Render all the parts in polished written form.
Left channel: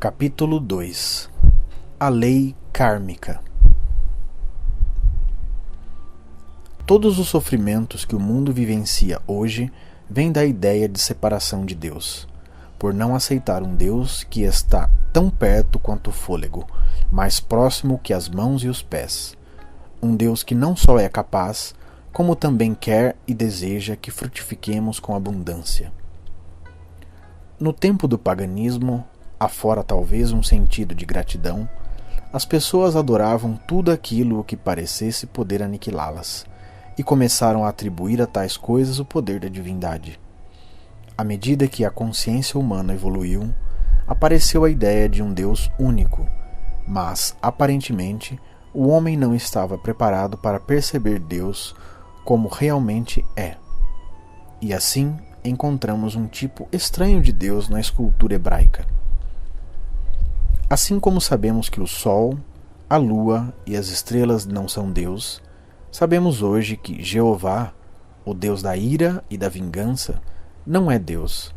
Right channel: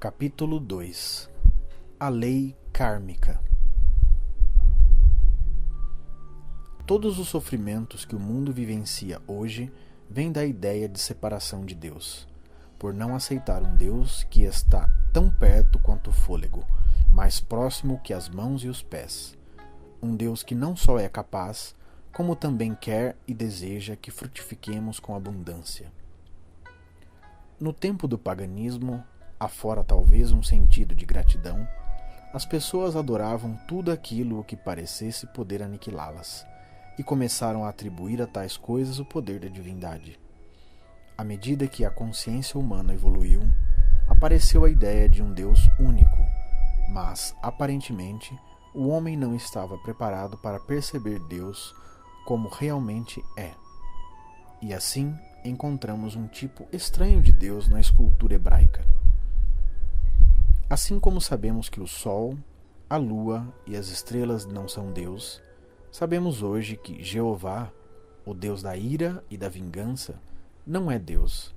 Capítulo 2 A Lei Kármica. Todos os sofrimentos que o mundo vivencia hoje vêm da ideia de separação de Deus, por não aceitar um Deus que está tão perto quanto o fôlego, mais próximo que as mãos e os pés. Um Deus que não só é capaz, como também quer e deseja que frutifiquemos com abundância. No tempo do paganismo, afora talvez um sentido de gratidão, as pessoas adoravam tudo aquilo que parecesse poder aniquilá-las, e começaram a atribuir a tais coisas o poder da divindade. À medida que a consciência humana evoluiu, apareceu a ideia de um Deus único, mas, aparentemente, o homem não estava preparado para perceber Deus como realmente é. E assim, encontramos um tipo estranho de Deus na escultura hebraica. Assim como sabemos que o Sol, a Lua e as estrelas não são Deus, sabemos hoje que Jeová, o Deus da ira e da vingança, não é Deus.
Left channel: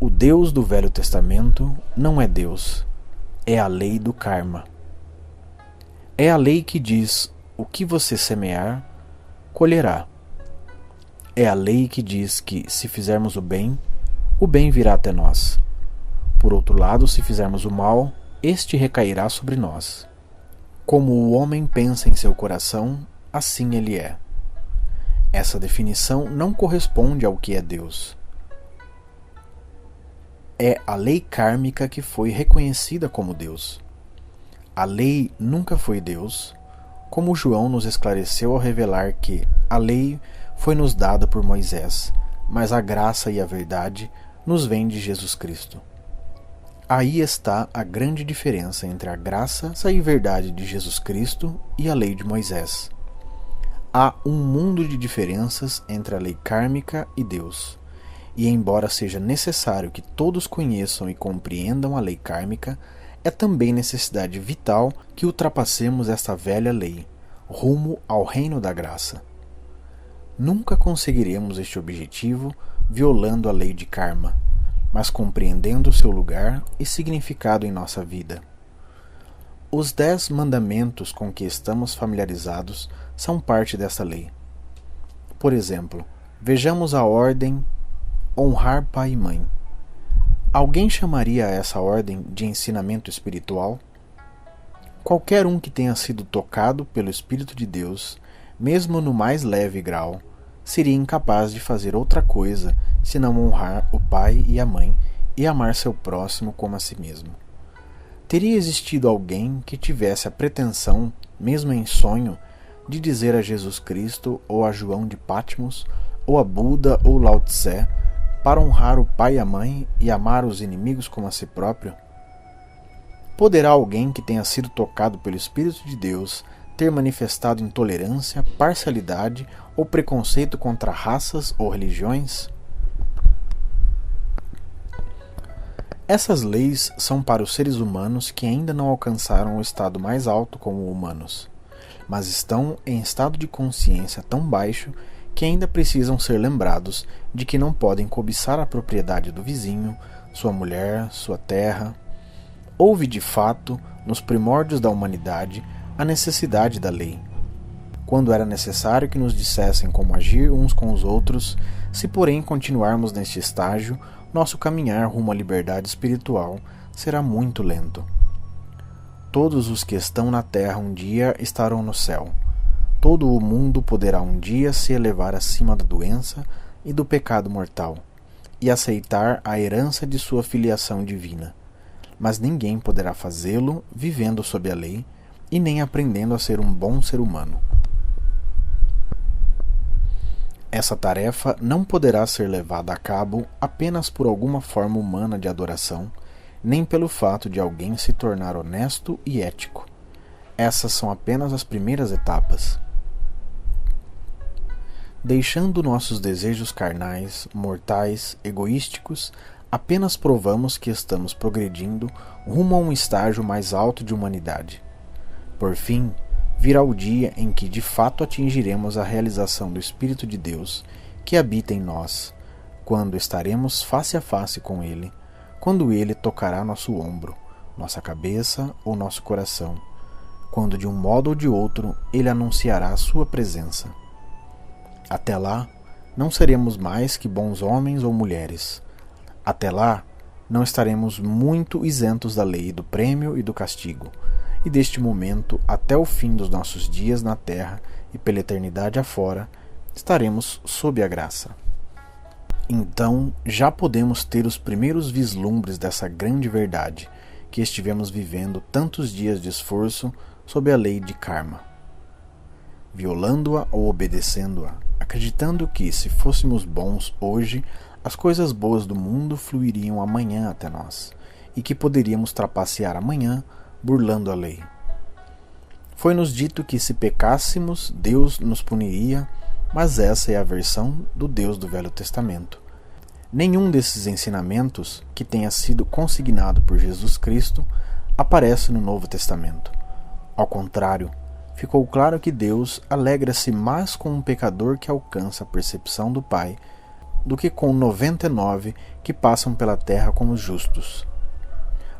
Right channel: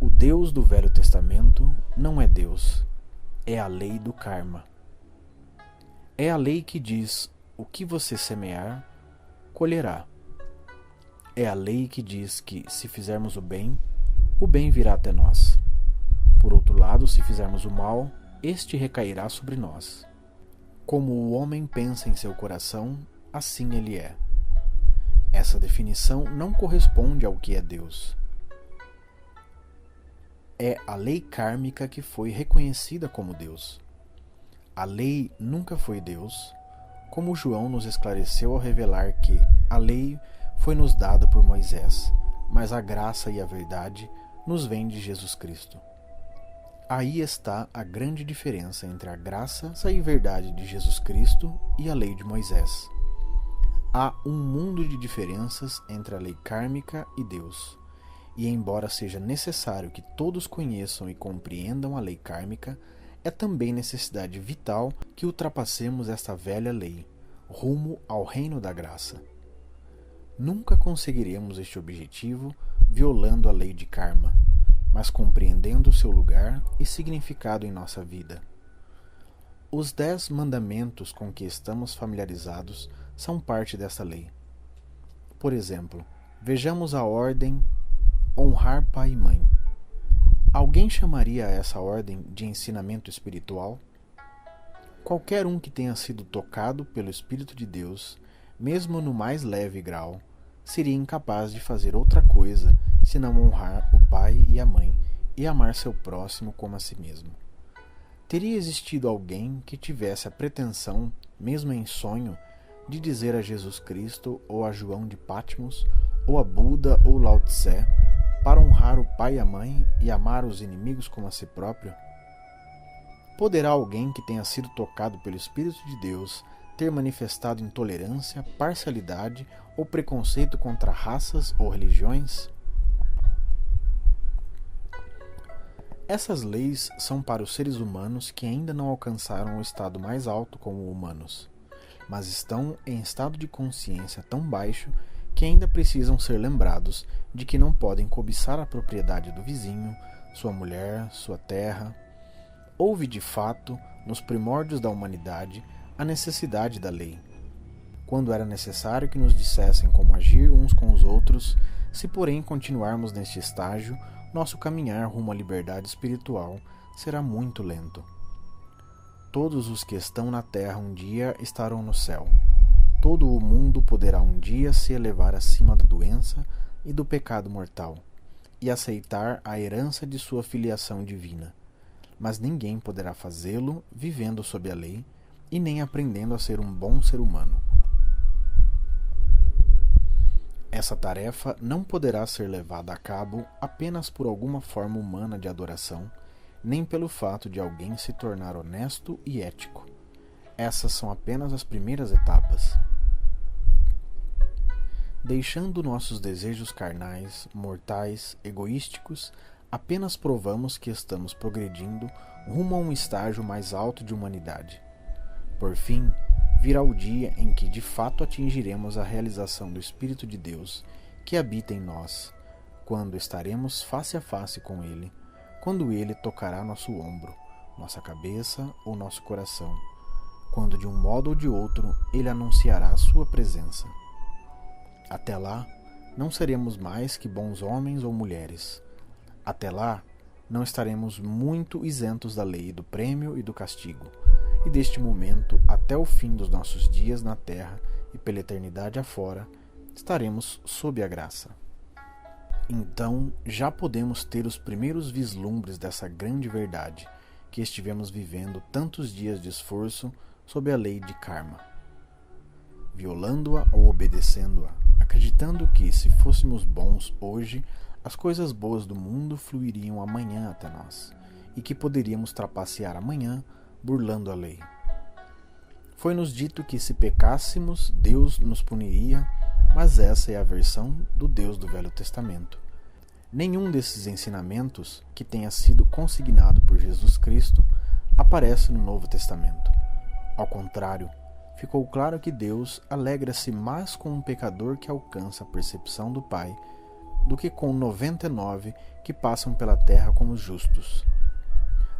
O Deus do Velho Testamento não é Deus, é a lei do karma. É a lei que diz: o que você semear, colherá. É a lei que diz que, se fizermos o bem virá até nós. Por outro lado, se fizermos o mal, este recairá sobre nós. Como o homem pensa em seu coração, assim ele é. Essa definição não corresponde ao que é Deus. É a lei kármica que foi reconhecida como Deus. A lei nunca foi Deus, como João nos esclareceu ao revelar que a lei foi nos dada por Moisés, mas a graça e a verdade nos vêm de Jesus Cristo. Aí está a grande diferença entre a graça e verdade de Jesus Cristo e a lei de Moisés. Há um mundo de diferenças entre a lei kármica e Deus, e embora seja necessário que todos conheçam e compreendam a lei kármica, é também necessidade vital que ultrapassemos esta velha lei, rumo ao reino da graça. Nunca conseguiremos este objetivo violando a lei de karma, mas compreendendo seu lugar e significado em nossa vida. Os 10 mandamentos com que estamos familiarizados são parte dessa lei. Por exemplo, vejamos a ordem honrar pai e mãe. Alguém chamaria essa ordem de ensinamento espiritual? Qualquer um que tenha sido tocado pelo Espírito de Deus, mesmo no mais leve grau, seria incapaz de fazer outra coisa senão honrar o pai e a mãe e amar seu próximo como a si mesmo. Teria existido alguém que tivesse a pretensão, mesmo em sonho, de dizer a Jesus Cristo ou a João de Patmos ou a Buda ou Lao Tse para honrar o pai e a mãe e amar os inimigos como a si próprio? Poderá alguém que tenha sido tocado pelo Espírito de Deus ter manifestado intolerância, parcialidade ou preconceito contra raças ou religiões? Essas leis são para os seres humanos que ainda não alcançaram o estado mais alto como humanos, mas estão em estado de consciência tão baixo que ainda precisam ser lembrados de que não podem cobiçar a propriedade do vizinho, sua mulher, sua terra. Houve de fato, nos primórdios da humanidade, a necessidade da lei. Quando era necessário que nos dissessem como agir uns com os outros, se porém continuarmos neste estágio, nosso caminhar rumo à liberdade espiritual será muito lento. Todos os que estão na terra um dia estarão no céu. Todo o mundo poderá um dia se elevar acima da doença e do pecado mortal, e aceitar a herança de sua filiação divina. Mas ninguém poderá fazê-lo vivendo sob a lei e nem aprendendo a ser um bom ser humano. Essa tarefa não poderá ser levada a cabo apenas por alguma forma humana de adoração, nem pelo fato de alguém se tornar honesto e ético. Essas são apenas as primeiras etapas. Deixando nossos desejos carnais, mortais, egoísticos, apenas provamos que estamos progredindo rumo a um estágio mais alto de humanidade. Por fim, virá o dia em que de fato atingiremos a realização do Espírito de Deus que habita em nós, quando estaremos face a face com Ele, quando ele tocará nosso ombro, nossa cabeça ou nosso coração, quando de um modo ou de outro ele anunciará a sua presença. Até lá, não seremos mais que bons homens ou mulheres. Até lá, não estaremos muito isentos da lei, do prêmio e do castigo, e deste momento até o fim dos nossos dias na terra e pela eternidade afora, estaremos sob a graça. Então, já podemos ter os primeiros vislumbres dessa grande verdade, que estivemos vivendo tantos dias de esforço sob a lei de karma, violando-a ou obedecendo-a, acreditando que, se fôssemos bons hoje, as coisas boas do mundo fluiriam amanhã até nós, e que poderíamos trapacear amanhã, burlando a lei. Foi-nos dito que, se pecássemos, Deus nos puniria, mas essa é a versão do Deus do Velho Testamento. Nenhum desses ensinamentos, que tenha sido consignado por Jesus Cristo, aparece no Novo Testamento. Ao contrário, ficou claro que Deus alegra-se mais com um pecador que alcança a percepção do Pai do que com 99 que passam pela terra como justos.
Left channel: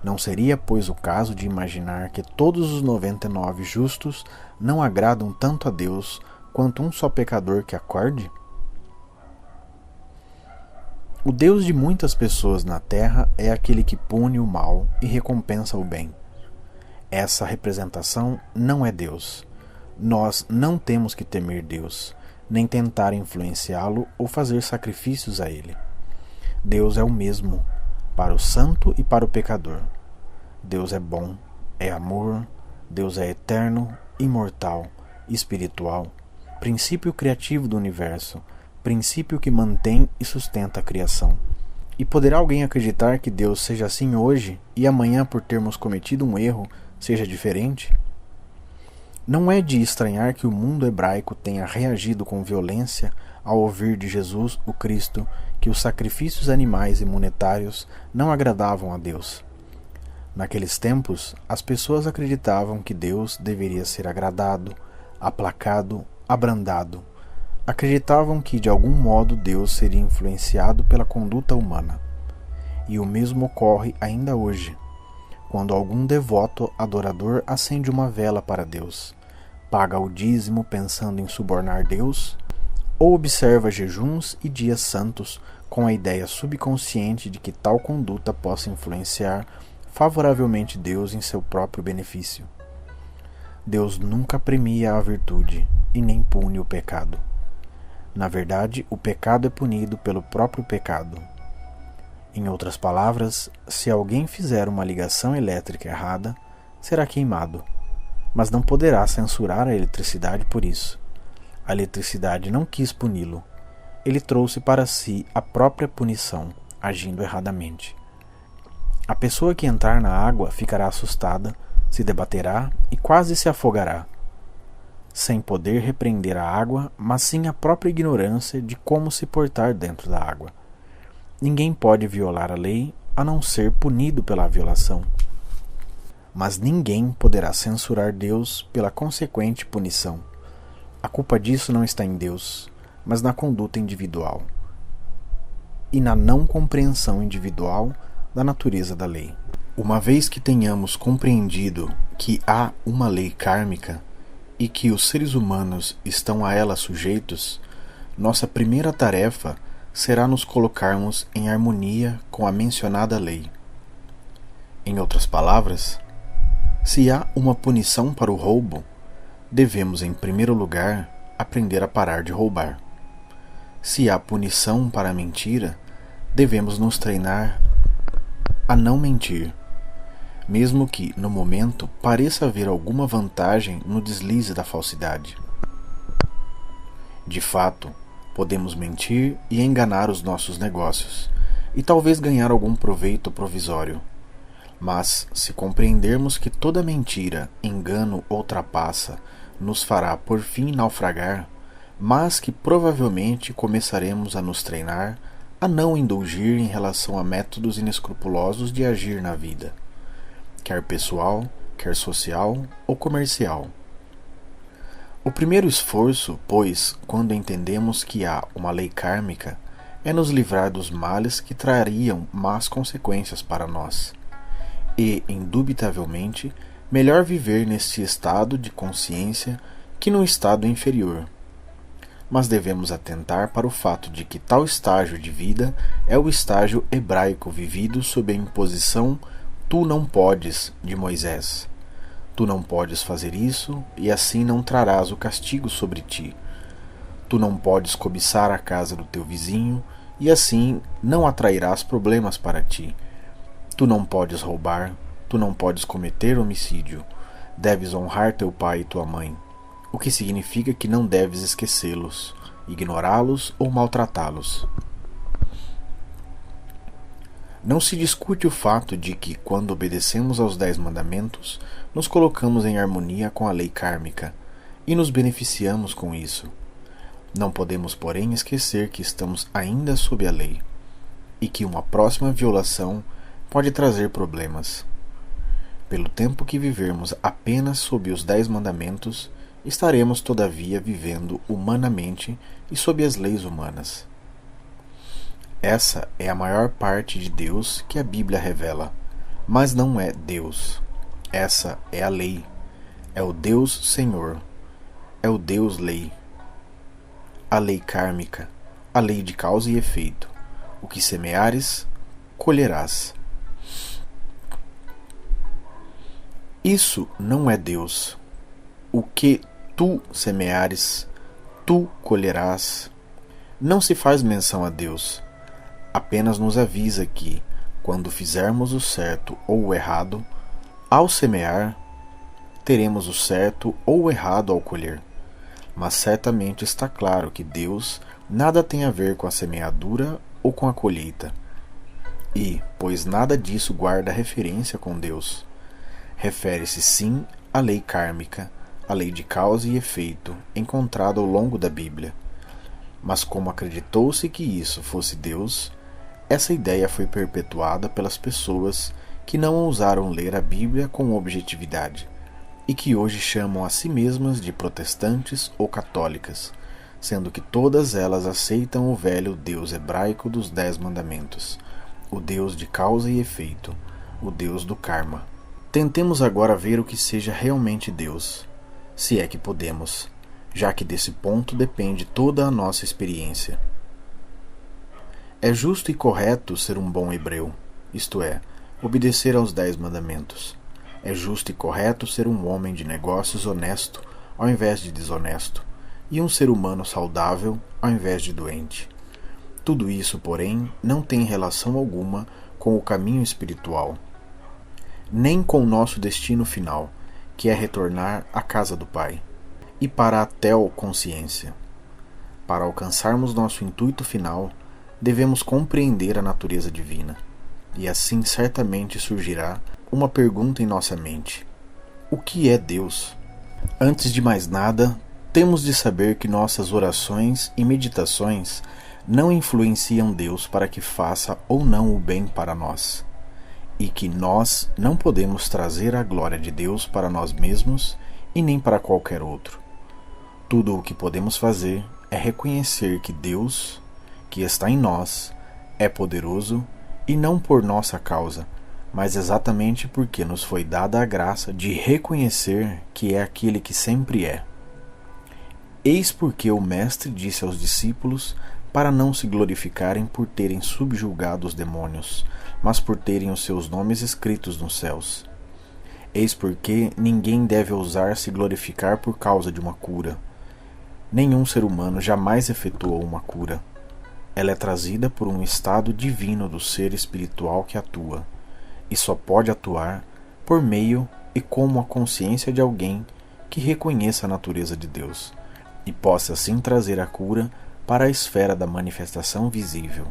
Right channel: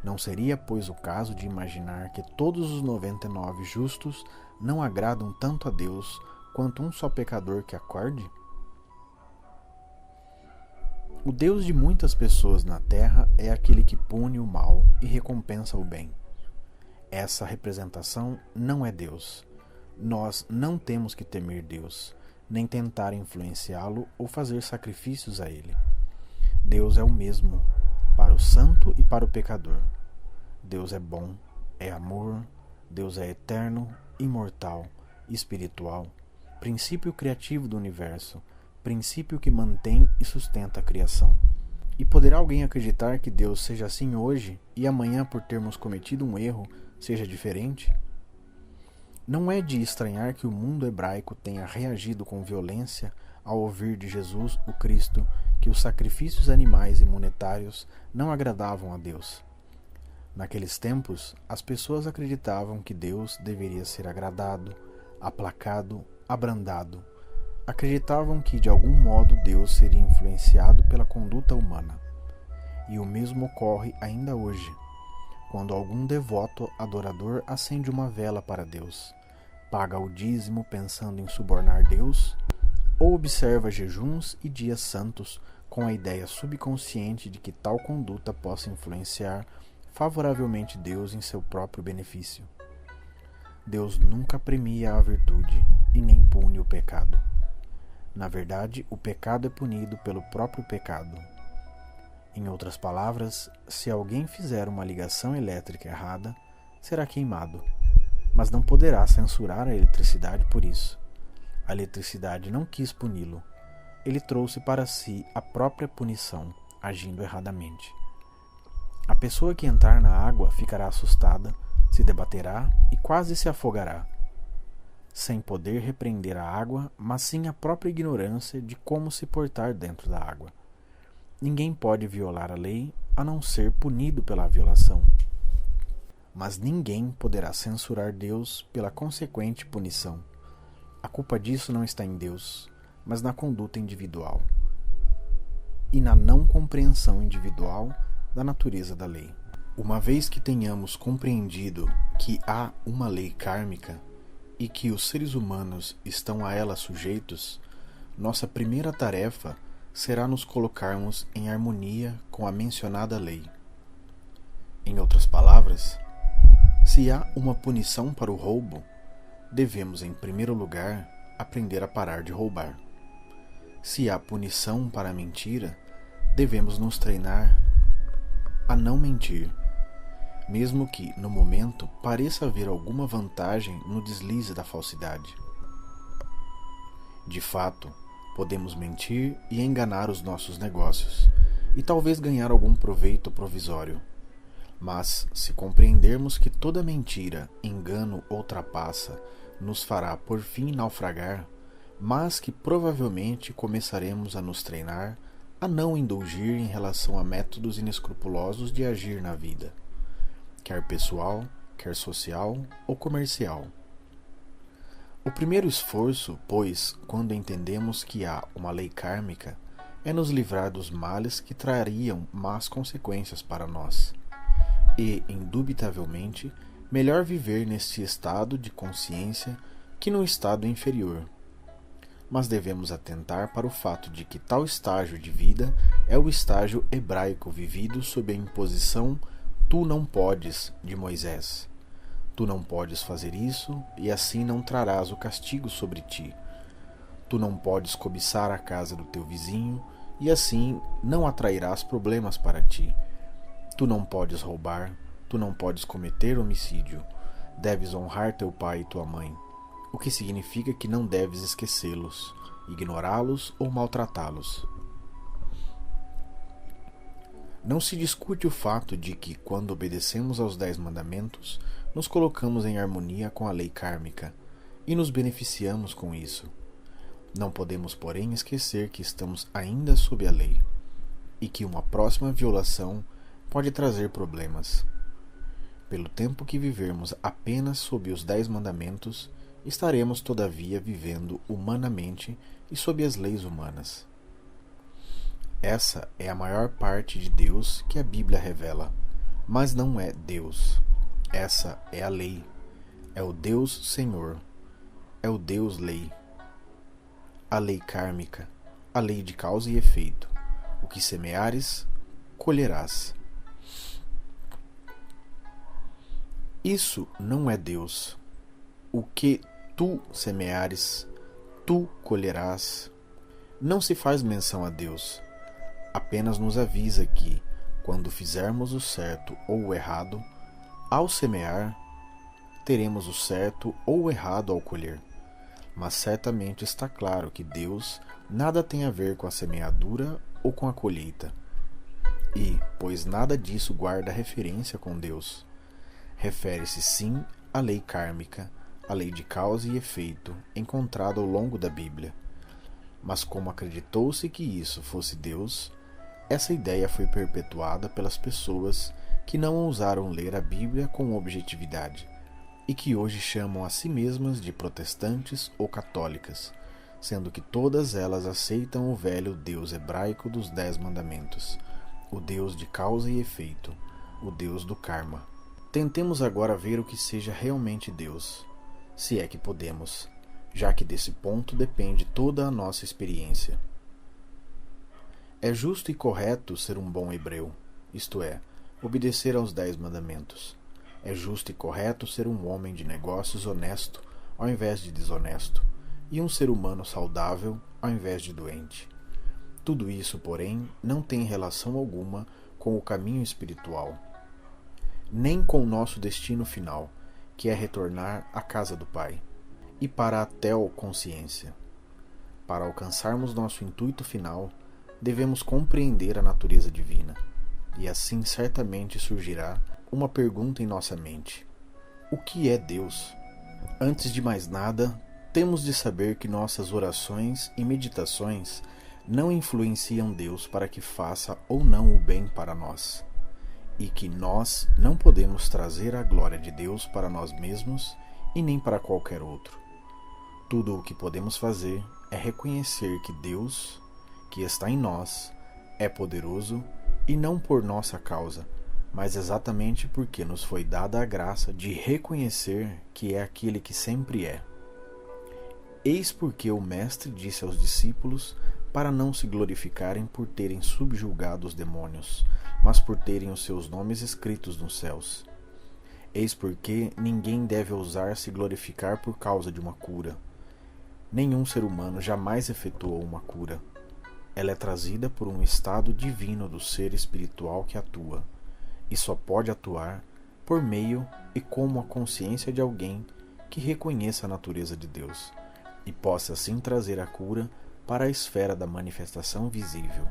Não seria, pois, o caso de imaginar que todos os 99 justos não agradam tanto a Deus quanto um só pecador que acorde? O Deus de muitas pessoas na terra é aquele que pune o mal e recompensa o bem. Essa representação não é Deus. Nós não temos que temer Deus, nem tentar influenciá-lo ou fazer sacrifícios a ele. Deus é o mesmo, para o santo e para o pecador. Deus é bom, é amor, Deus é eterno, imortal, espiritual, princípio criativo do universo, princípio que mantém e sustenta a criação. E poderá alguém acreditar que Deus seja assim hoje e amanhã, por termos cometido um erro, seja diferente? Não é de estranhar que o mundo hebraico tenha reagido com violência ao ouvir de Jesus, o Cristo, que os sacrifícios animais e monetários não agradavam a Deus. Naqueles tempos, as pessoas acreditavam que Deus deveria ser agradado, aplacado, abrandado. Acreditavam que, de algum modo, Deus seria influenciado pela conduta humana. E o mesmo ocorre ainda hoje, quando algum devoto adorador acende uma vela para Deus, paga o dízimo pensando em subornar Deus, ou observa jejuns e dias santos com a ideia subconsciente de que tal conduta possa influenciar favoravelmente Deus em seu próprio benefício. Deus nunca premia a virtude e nem pune o pecado. Na verdade, o pecado é punido pelo próprio pecado. Em outras palavras, se alguém fizer uma ligação elétrica errada, será queimado, mas não poderá censurar a eletricidade por isso. A eletricidade não quis puni-lo. Ele trouxe para si a própria punição, agindo erradamente. A pessoa que entrar na água ficará assustada, se debaterá e quase se afogará, sem poder repreender a água, mas sim a própria ignorância de como se portar dentro da água. Ninguém pode violar a lei a não ser punido pela violação. Mas ninguém poderá censurar Deus pela consequente punição. A culpa disso não está em Deus, mas na conduta individual e na não compreensão individual da natureza da lei. Uma vez que tenhamos compreendido que há uma lei kármica e que os seres humanos estão a ela sujeitos, nossa primeira tarefa será nos colocarmos em harmonia com a mencionada lei. Em outras palavras, se há uma punição para o roubo, devemos, em primeiro lugar, aprender a parar de roubar. Se há punição para a mentira, devemos nos treinar a não mentir, mesmo que, no momento, pareça haver alguma vantagem no deslize da falsidade. De fato, podemos mentir e enganar os nossos negócios, e talvez ganhar algum proveito provisório. Mas, se compreendermos que toda mentira, engano ou trapaça nos fará por fim naufragar, mas que provavelmente começaremos a nos treinar a não indulgir em relação a métodos inescrupulosos de agir na vida, quer pessoal, quer social ou comercial. O primeiro esforço, pois, quando entendemos que há uma lei kármica, é nos livrar dos males que trariam más consequências para nós. E, indubitavelmente, melhor viver neste estado de consciência que no estado inferior. Mas devemos atentar para o fato de que tal estágio de vida é o estágio hebraico vivido sob a imposição "tu não podes" de Moisés. Tu não podes fazer isso, e assim não trarás o castigo sobre ti. Tu não podes cobiçar a casa do teu vizinho, e assim não atrairás problemas para ti. Tu não podes roubar, tu não podes cometer homicídio. Deves honrar teu pai e tua mãe, o que significa que não deves esquecê-los, ignorá-los ou maltratá-los. Não se discute o fato de que, quando obedecemos aos 10 mandamentos, nos colocamos em harmonia com a lei kármica e nos beneficiamos com isso. Não podemos, porém, esquecer que estamos ainda sob a lei e que uma próxima violação pode trazer problemas. Pelo tempo que vivermos apenas sob os 10 mandamentos, estaremos todavia vivendo humanamente e sob as leis humanas. Essa é a maior parte de Deus que a Bíblia revela, mas não é Deus. Essa é a lei, é o Deus Senhor, é o Deus Lei. A lei kármica, a lei de causa e efeito. O que semeares, colherás. Isso não é Deus. O que tu semeares, tu colherás. Não se faz menção a Deus. Apenas nos avisa que, quando fizermos o certo ou o errado, ao semear, teremos o certo ou o errado ao colher. Mas certamente está claro que Deus nada tem a ver com a semeadura ou com a colheita. E, pois nada disso guarda referência com Deus, refere-se sim à lei kármica, a lei de causa e efeito, encontrada ao longo da Bíblia. Mas como acreditou-se que isso fosse Deus, essa ideia foi perpetuada pelas pessoas que não ousaram ler a Bíblia com objetividade, e que hoje chamam a si mesmas de protestantes ou católicas, sendo que todas elas aceitam o velho Deus hebraico dos 10 mandamentos, o Deus de causa e efeito, o Deus do karma. Tentemos agora ver o que seja realmente Deus, se é que podemos, já que desse ponto depende toda a nossa experiência. É justo e correto ser um bom hebreu, isto é, obedecer aos 10 mandamentos. É justo e correto ser um homem de negócios honesto ao invés de desonesto, e um ser humano saudável ao invés de doente. Tudo isso, porém, não tem relação alguma com o caminho espiritual, nem com o nosso destino final, que é retornar à casa do Pai, e para a teoconsciência. Para alcançarmos nosso intuito final, devemos compreender a natureza divina, e assim certamente surgirá uma pergunta em nossa mente: o que é Deus? Antes de mais nada, temos de saber que nossas orações e meditações não influenciam Deus para que faça ou não o bem para nós, e que nós não podemos trazer a glória de Deus para nós mesmos e nem para qualquer outro. Tudo o que podemos fazer é reconhecer que Deus, que está em nós, é poderoso, e não por nossa causa, mas exatamente porque nos foi dada a graça de reconhecer que é aquele que sempre é. Eis porque o Mestre disse aos discípulos para não se glorificarem por terem subjugado os demônios, mas por terem os seus nomes escritos nos céus. Eis porque ninguém deve ousar se glorificar por causa de uma cura. Nenhum ser humano jamais efetuou uma cura. Ela é trazida por um estado divino do ser espiritual que atua, e só pode atuar por meio e como a consciência de alguém que reconheça a natureza de Deus, e possa assim trazer a cura para a esfera da manifestação visível.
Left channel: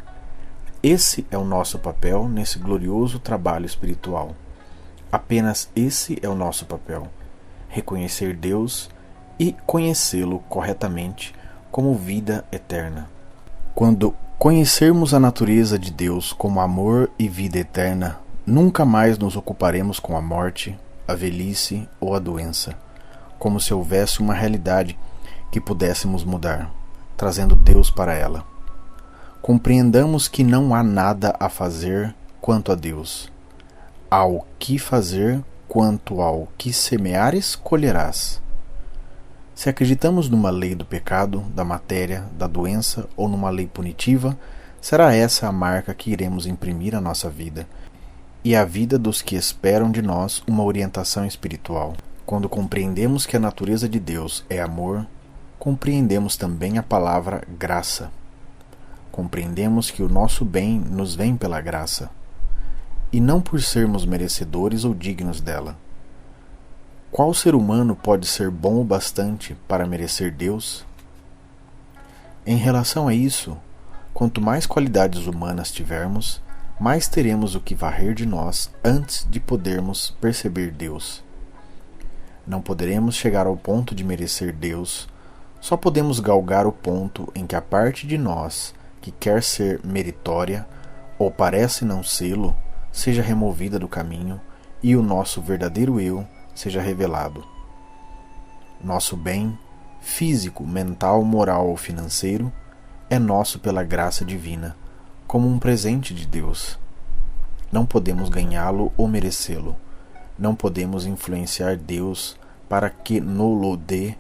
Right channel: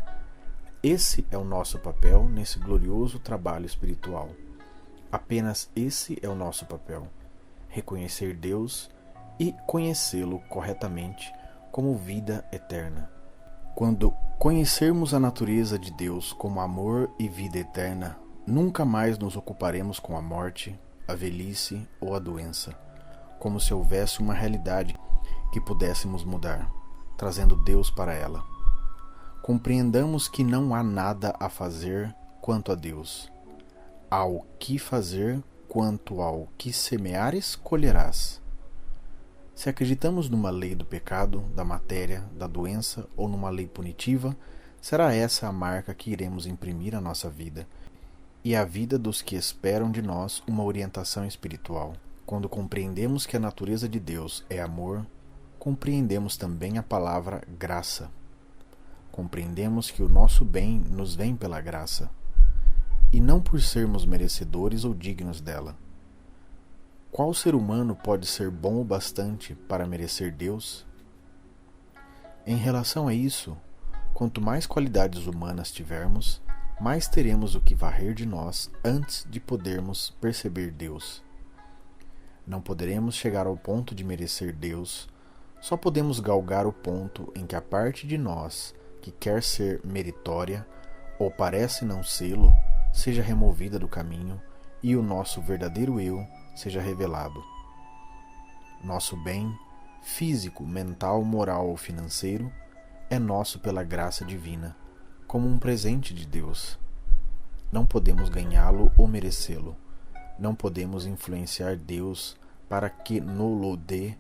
Esse é o nosso papel nesse glorioso trabalho espiritual. Apenas esse é o nosso papel: reconhecer Deus e conhecê-lo corretamente como vida eterna. Quando conhecermos a natureza de Deus como amor e vida eterna, nunca mais nos ocuparemos com a morte, a velhice ou a doença, como se houvesse uma realidade que pudéssemos mudar, trazendo Deus para ela. compreendamos que não há nada a fazer quanto a Deus. Há o que fazer quanto ao que semeares, colherás. Se acreditamos numa lei do pecado, da matéria, da doença ou numa lei punitiva, será essa a marca que iremos imprimir à nossa vida e à vida dos que esperam de nós uma orientação espiritual. Quando compreendemos que a natureza de Deus é amor, compreendemos também a palavra graça. Compreendemos que o nosso bem nos vem pela graça, e não por sermos merecedores ou dignos dela. Qual ser humano pode ser bom o bastante para merecer Deus? Em relação a isso, quanto mais qualidades humanas tivermos, mais teremos o que varrer de nós antes de podermos perceber Deus. Não poderemos chegar ao ponto de merecer Deus, só podemos galgar o ponto em que a parte de nós que quer ser meritória ou parece não sê-lo, seja removida do caminho e o nosso verdadeiro eu seja revelado. Nosso bem, físico, mental, moral ou financeiro, é nosso pela graça divina, como um presente de Deus. Não podemos ganhá-lo ou merecê-lo. Não podemos influenciar Deus para que no-lo dê,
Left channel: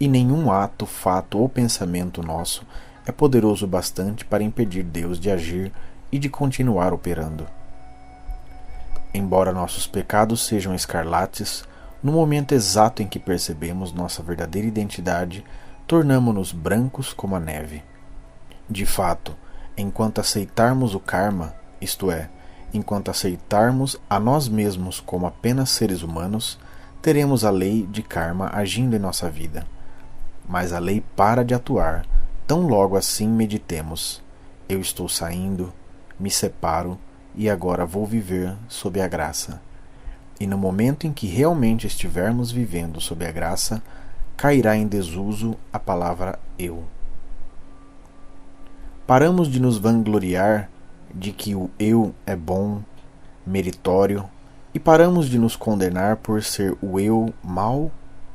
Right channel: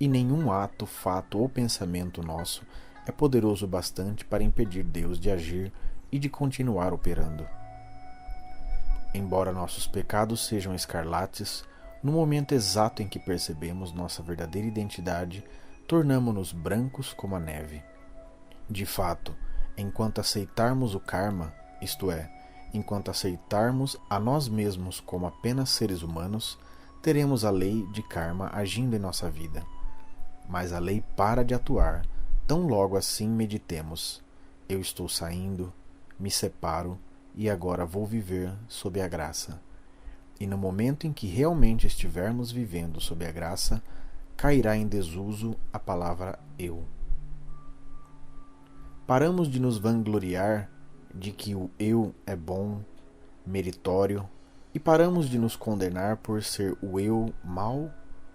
e nenhum ato, fato ou pensamento nosso é poderoso bastante para impedir Deus de agir e de continuar operando. Embora nossos pecados sejam escarlates, no momento exato em que percebemos nossa verdadeira identidade, tornamo-nos brancos como a neve. De fato, enquanto aceitarmos o karma, isto é, enquanto aceitarmos a nós mesmos como apenas seres humanos, teremos a lei de karma agindo em nossa vida. Mas a lei para de atuar, tão logo assim meditemos: eu estou saindo, me separo e agora vou viver sob a graça. E no momento em que realmente estivermos vivendo sob a graça, cairá em desuso a palavra eu. Paramos de nos vangloriar de que o eu é bom, meritório, e paramos de nos condenar por ser o eu mau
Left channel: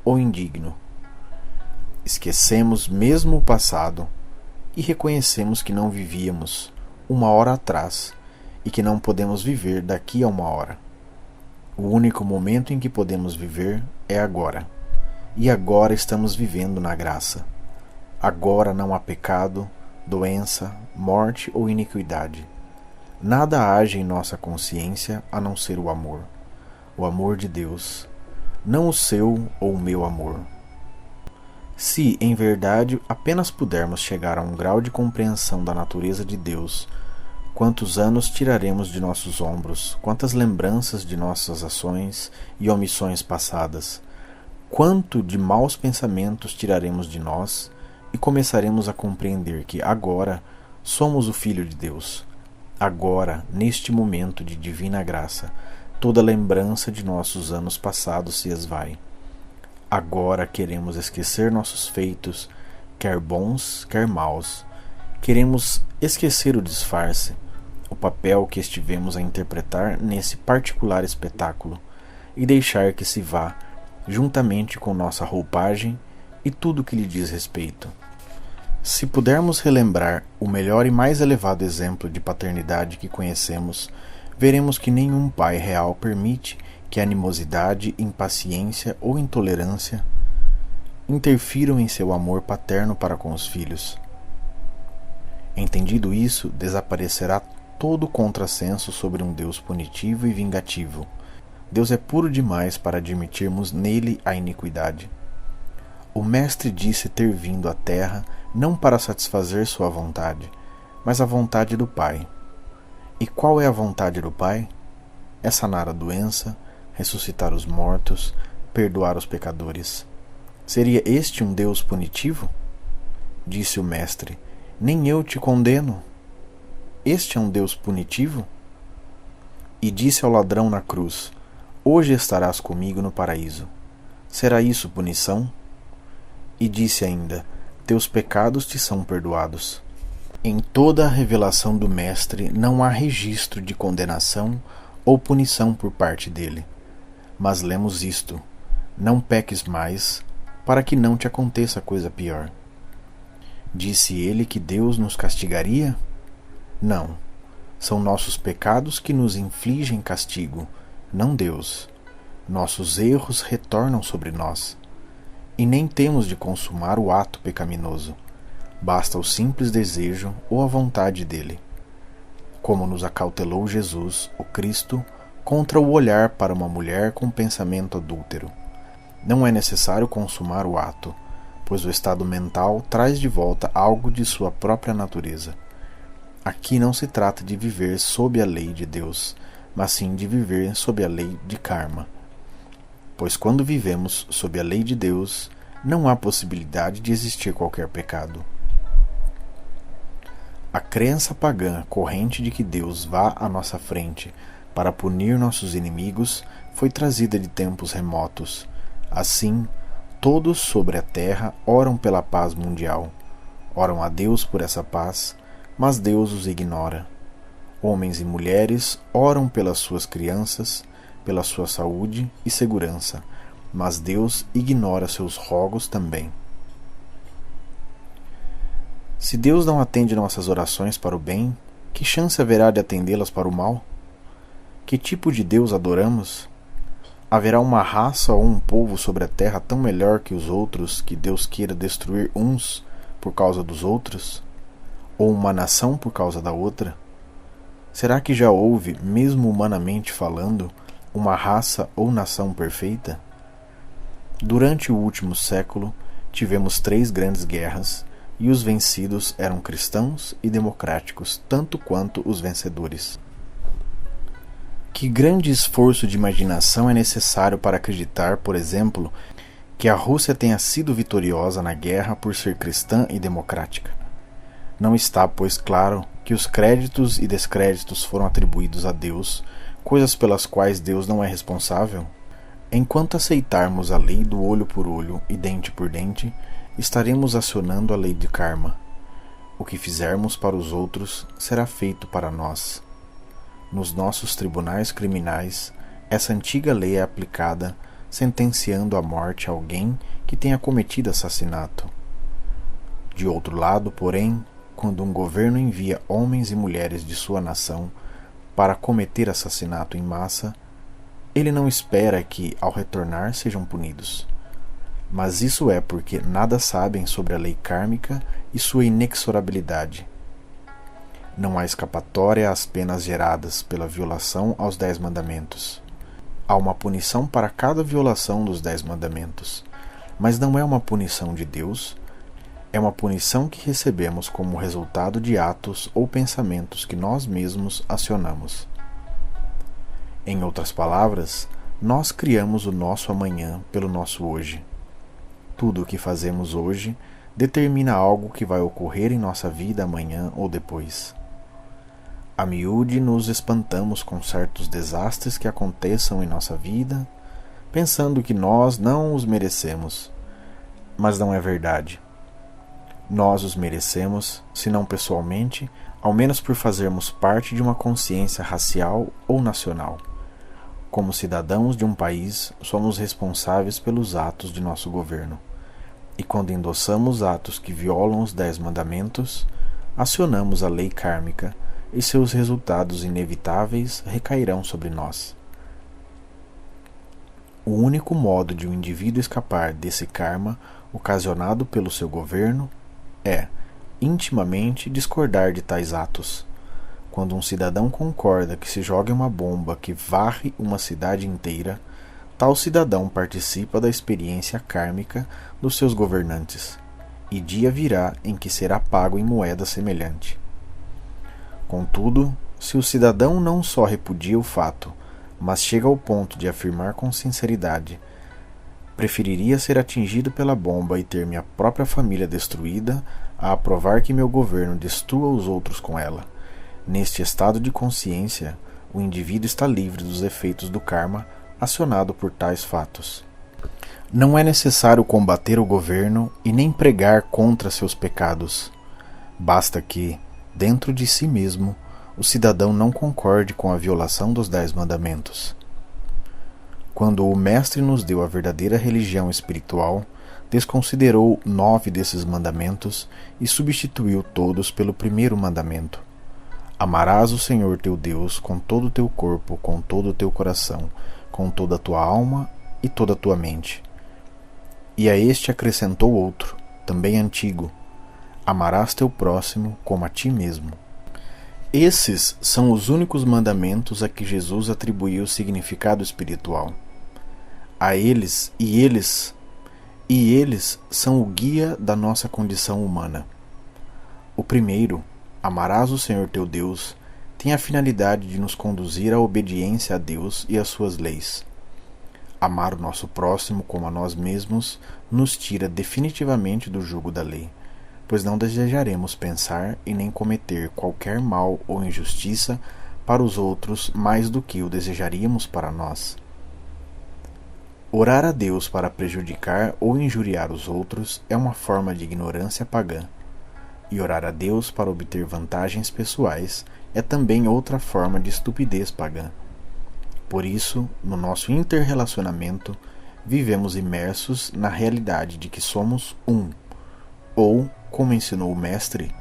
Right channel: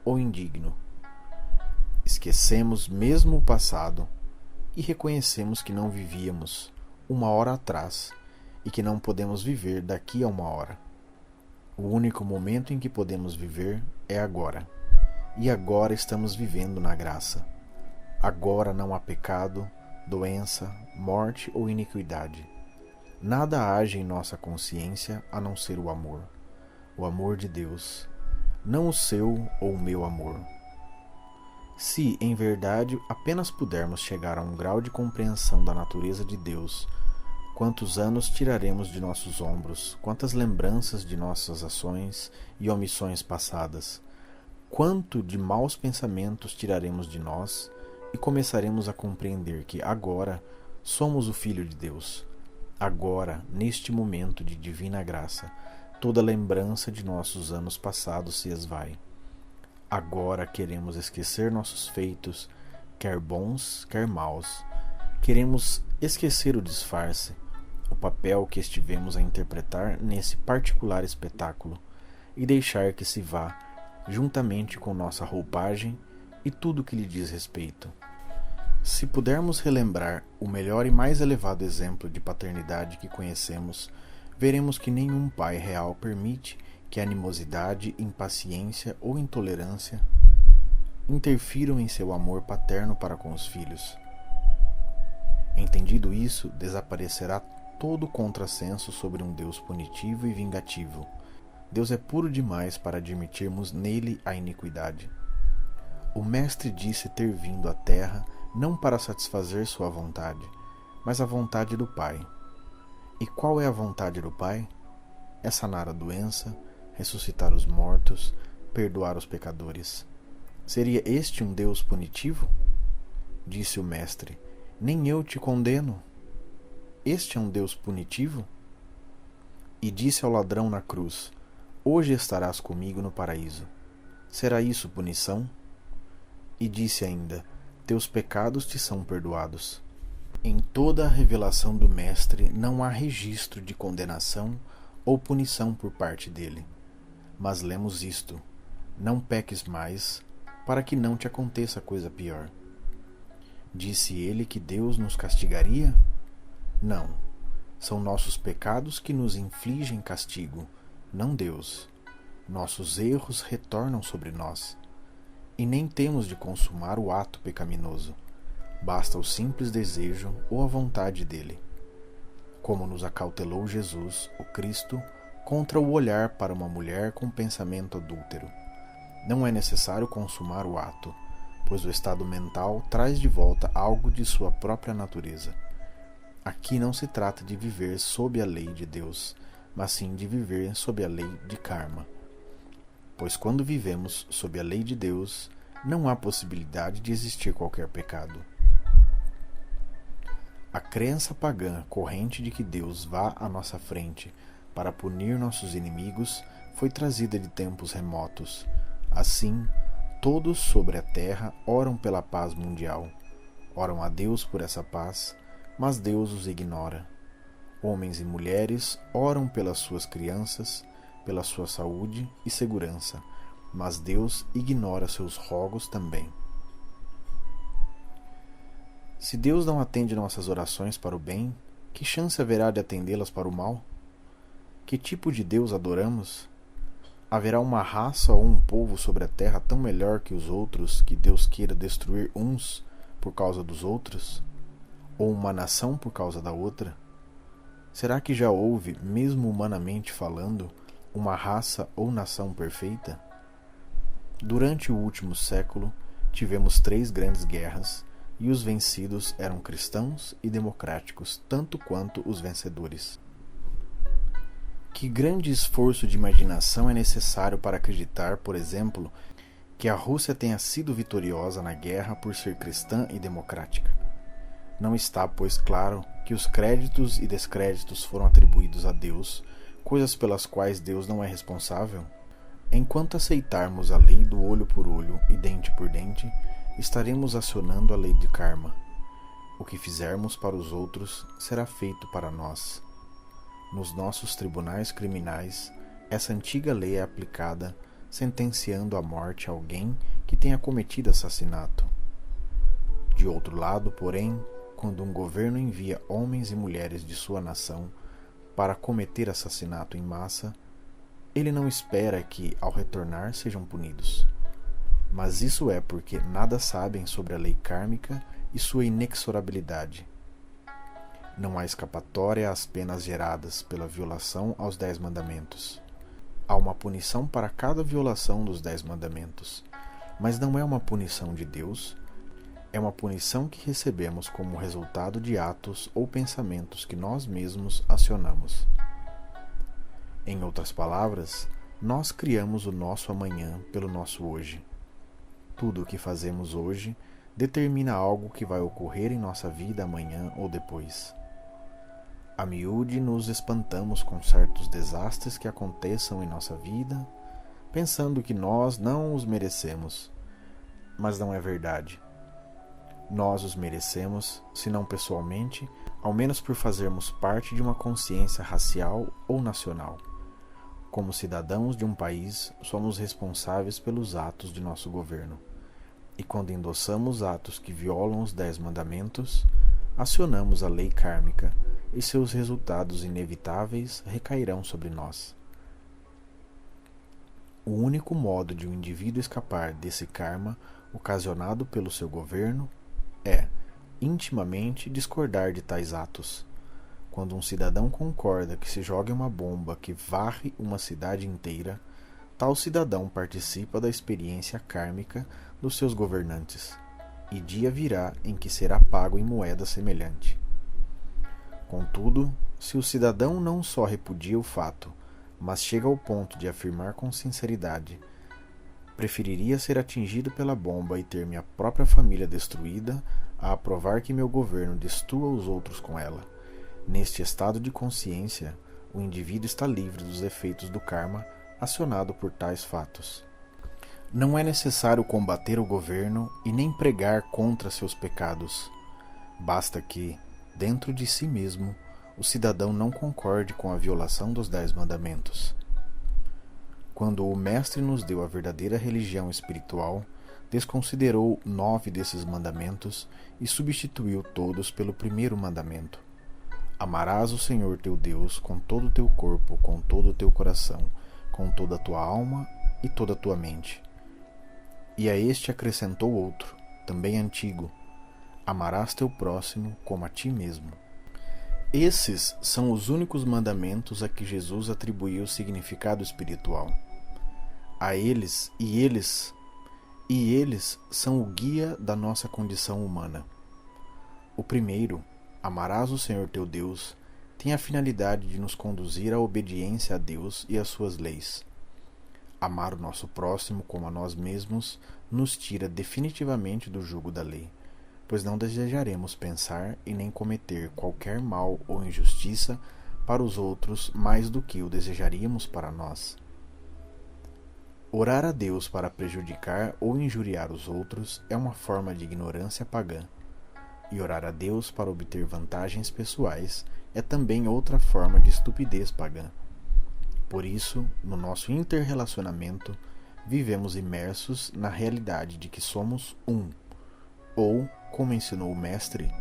ou indigno. Esquecemos mesmo o passado e reconhecemos que não vivíamos uma hora atrás e que não podemos viver daqui a uma hora. O único momento em que podemos viver é agora, e agora estamos vivendo na graça. Agora não há pecado, doença, morte ou iniquidade. Nada age em nossa consciência a não ser o amor de Deus, não o seu ou o meu amor. Se, em verdade, apenas pudermos chegar a um grau de compreensão da natureza de Deus, quantos anos tiraremos de nossos ombros, quantas lembranças de nossas ações e omissões passadas, quanto de maus pensamentos tiraremos de nós e começaremos a compreender que agora somos o Filho de Deus. Agora, neste momento de divina graça, toda lembrança de nossos anos passados se esvai. Agora queremos esquecer nossos feitos, quer bons, quer maus. Queremos esquecer o disfarce, o papel que estivemos a interpretar nesse particular espetáculo, e deixar que se vá, juntamente com nossa roupagem e tudo que lhe diz respeito. Se pudermos relembrar o melhor e mais elevado exemplo de paternidade que conhecemos, veremos que nenhum pai real permite que animosidade, impaciência ou intolerância interfiram em seu amor paterno para com os filhos. Entendido isso, desaparecerá todo o contrassenso sobre um Deus punitivo e vingativo. Deus é puro demais para admitirmos nele a iniquidade. O Mestre disse ter vindo à Terra não para satisfazer sua vontade, mas a vontade do Pai. E qual é a vontade do Pai? É sanar a doença, ressuscitar os mortos, perdoar os pecadores. Seria este um Deus punitivo? Disse o Mestre: nem eu te condeno. Este é um Deus punitivo? E disse ao ladrão na cruz: hoje estarás comigo no paraíso. Será isso punição? E disse ainda: teus pecados te são perdoados. Em toda a revelação do Mestre não há registro de condenação ou punição por parte dele. Mas lemos isto: não peques mais, para que não te aconteça coisa pior. Disse ele que Deus nos castigaria? Não, são nossos pecados que nos infligem castigo, não Deus. Nossos erros retornam sobre nós. E nem temos de consumar o ato pecaminoso. Basta o simples desejo ou a vontade dele. Como nos acautelou Jesus, o Cristo, contra o olhar para uma mulher com pensamento adúltero. Não é necessário consumar o ato, pois o estado mental traz de volta algo de sua própria natureza. Aqui não se trata de viver sob a lei de Deus, mas sim de viver sob a lei de karma. Pois quando vivemos sob a lei de Deus, não há possibilidade de existir qualquer pecado. A crença pagã corrente de que Deus vá à nossa frente para punir nossos inimigos foi trazida de tempos remotos. Assim, todos sobre a terra oram pela paz mundial. Oram a Deus por essa paz, mas Deus os ignora. Homens e mulheres oram pelas suas crianças, pela sua saúde e segurança, mas Deus ignora seus rogos também. Se Deus não atende nossas orações para o bem, que chance haverá de atendê-las para o mal? Que tipo de Deus adoramos? Haverá uma raça ou um povo sobre a terra tão melhor que os outros que Deus queira destruir uns por causa dos outros? Ou uma nação por causa da outra? Será que já houve, mesmo humanamente falando, uma raça ou nação perfeita? Durante o último século, tivemos 3 grandes guerras, e os vencidos eram cristãos e democráticos, tanto quanto os vencedores. Que grande esforço de imaginação é necessário para acreditar, por exemplo, que a Rússia tenha sido vitoriosa na guerra por ser cristã e democrática? Não está, pois, claro que os créditos e descréditos foram atribuídos a Deus, coisas pelas quais Deus não é responsável? Enquanto aceitarmos a lei do olho por olho e dente por dente, estaremos acionando a lei de karma. O que fizermos para os outros será feito para nós. Nos nossos tribunais criminais, essa antiga lei é aplicada, sentenciando à morte alguém que tenha cometido assassinato. De outro lado, porém, quando um governo envia homens e mulheres de sua nação para cometer assassinato em massa, ele não espera que, ao retornar, sejam punidos. Mas isso é porque nada sabem sobre a lei kármica e sua inexorabilidade. Não há escapatória às penas geradas pela violação aos 10 mandamentos. Há uma punição para cada violação dos 10 mandamentos, mas não é uma punição de Deus, é uma punição que recebemos como resultado de atos ou pensamentos que nós mesmos acionamos. Em outras palavras, nós criamos o nosso amanhã pelo nosso hoje. Tudo o que fazemos hoje determina algo que vai ocorrer em nossa vida amanhã ou depois. A miúde nos espantamos com certos desastres que aconteçam em nossa vida, pensando que nós não os merecemos. Mas não é verdade. Nós os merecemos, se não pessoalmente, ao menos por fazermos parte de uma consciência racial ou nacional. Como cidadãos de um país, somos responsáveis pelos atos de nosso governo. E quando endossamos atos que violam os 10 mandamentos, acionamos a lei kármica e seus resultados inevitáveis recairão sobre nós. O único modo de um indivíduo escapar desse karma ocasionado pelo seu governo é, intimamente, discordar de tais atos. Quando um cidadão concorda que se jogue uma bomba que varre uma cidade inteira, tal cidadão participa da experiência kármica dos seus governantes, e dia virá em que será pago em moeda semelhante. Contudo, se o cidadão não só repudia o fato, mas chega ao ponto de afirmar com sinceridade: preferiria ser atingido pela bomba e ter minha própria família destruída a aprovar que meu governo destrua os outros com ela. Neste estado de consciência, o indivíduo está livre dos efeitos do karma acionado por tais fatos. Não é necessário combater o governo e nem pregar contra seus pecados. Basta que, dentro de si mesmo, o cidadão não concorde com a violação dos 10 mandamentos. Quando o Mestre nos deu a verdadeira religião espiritual, desconsiderou 9 desses mandamentos e substituiu todos pelo primeiro mandamento. Amarás o Senhor teu Deus com todo o teu corpo, com todo o teu coração, com toda a tua alma e toda a tua mente. E a este acrescentou outro, também antigo: amarás teu próximo como a ti mesmo. Esses são os únicos mandamentos a que Jesus atribuiu significado espiritual. Eles são o guia da nossa condição humana. O primeiro, amarás o Senhor teu Deus, tem a finalidade de nos conduzir à obediência a Deus e às suas leis. Amar o nosso próximo como a nós mesmos nos tira definitivamente do jugo da lei, pois não desejaremos pensar e nem cometer qualquer mal ou injustiça para os outros mais do que o desejaríamos para nós. Orar a Deus para prejudicar ou injuriar os outros é uma forma de ignorância pagã, e orar a Deus para obter vantagens pessoais é também outra forma de estupidez pagã. Por isso, no nosso interrelacionamento, vivemos imersos na realidade de que somos um, ou, como ensinou o Mestre,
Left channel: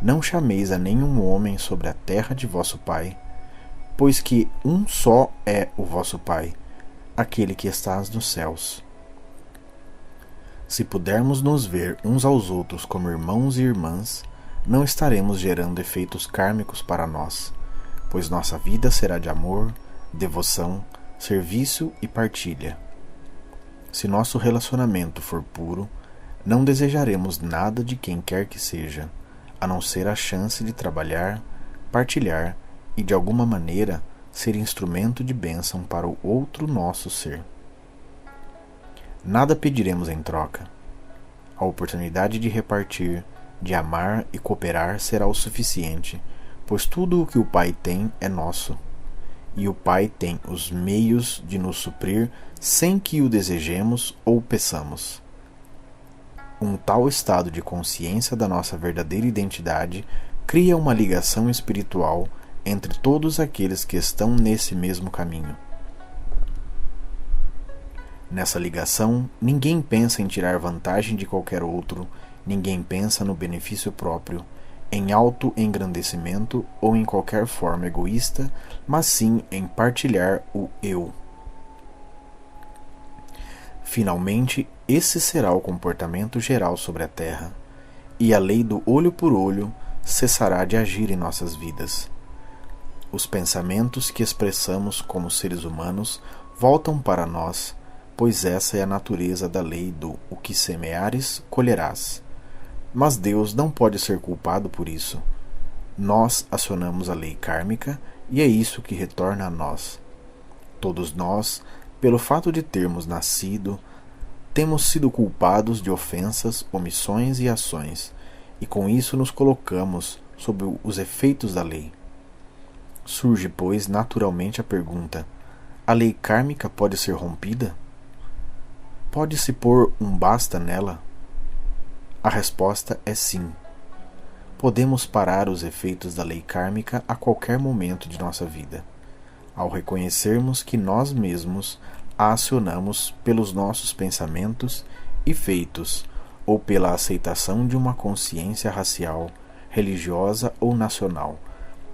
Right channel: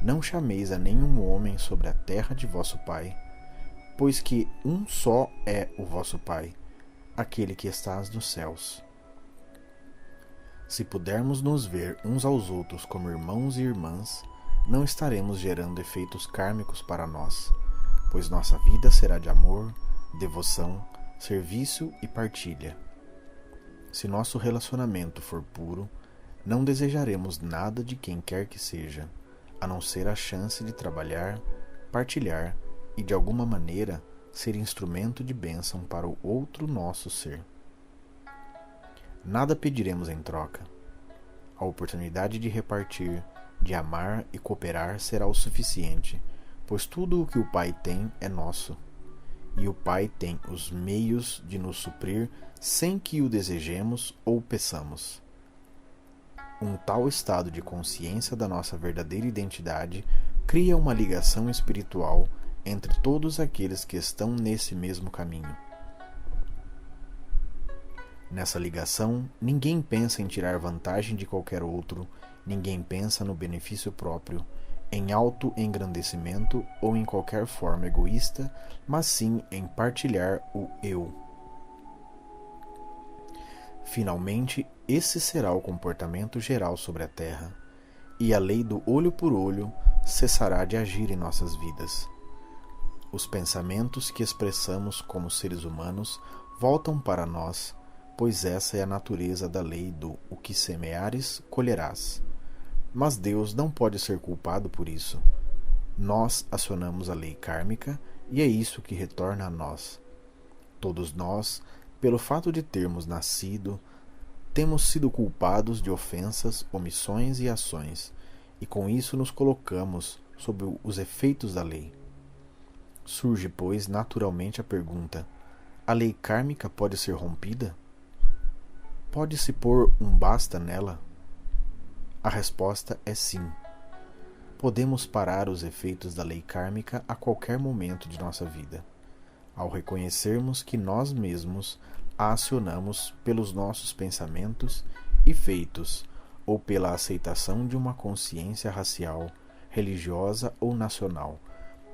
não chameis a nenhum homem sobre a terra de vosso Pai, pois que um só é o vosso Pai, aquele que estás nos céus. Se pudermos nos ver uns aos outros como irmãos e irmãs, não estaremos gerando efeitos kármicos para nós, pois nossa vida será de amor, devoção, serviço e partilha. Se nosso relacionamento for puro, não desejaremos nada de quem quer que seja, a não ser a chance de trabalhar, partilhar e, de alguma maneira, ser instrumento de bênção para o outro nosso ser. Nada pediremos em troca. A oportunidade de repartir, de amar e cooperar será o suficiente, pois tudo o que o Pai tem é nosso, e o Pai tem os meios de nos suprir sem que o desejemos ou peçamos. Um tal estado de consciência da nossa verdadeira identidade cria uma ligação espiritual entre todos aqueles que estão nesse mesmo caminho. Nessa ligação, ninguém pensa em tirar vantagem de qualquer outro, ninguém pensa no benefício próprio, em auto-engrandecimento ou em qualquer forma egoísta, mas sim em partilhar o eu. Finalmente, esse será o comportamento geral sobre a Terra, e a lei do olho por olho cessará de agir em nossas vidas. Os pensamentos que expressamos como seres humanos voltam para nós, pois essa é a natureza da lei do o que semeares, colherás. Mas Deus não pode ser culpado por isso. Nós acionamos a lei kármica e é isso que retorna a nós. Todos nós, pelo fato de termos nascido, temos sido culpados de ofensas, omissões e ações, e com isso nos colocamos sob os efeitos da lei. Surge, pois, naturalmente a pergunta: a lei kármica pode ser rompida? Pode-se pôr um basta nela? A resposta é sim. Podemos parar os efeitos da lei kármica a qualquer momento de nossa vida, ao reconhecermos que nós mesmos a acionamos pelos nossos pensamentos e feitos, ou pela aceitação de uma consciência racial, religiosa ou nacional,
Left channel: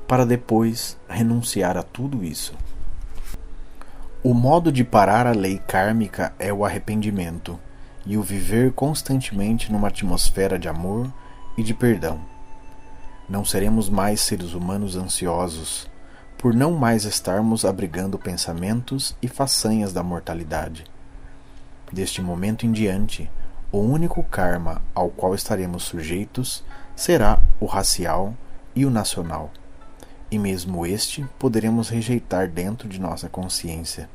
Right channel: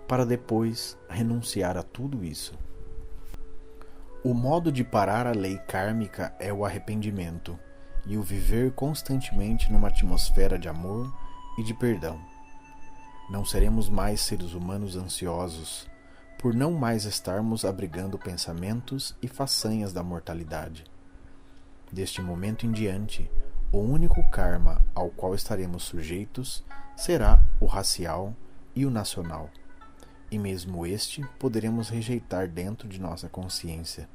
para depois renunciar a tudo isso. O modo de parar a lei kármica é o arrependimento e o viver constantemente numa atmosfera de amor e de perdão. Não seremos mais seres humanos ansiosos, por não mais estarmos abrigando pensamentos e façanhas da mortalidade. Deste momento em diante, o único karma ao qual estaremos sujeitos será o racial e o nacional, e mesmo este poderemos rejeitar dentro de nossa consciência.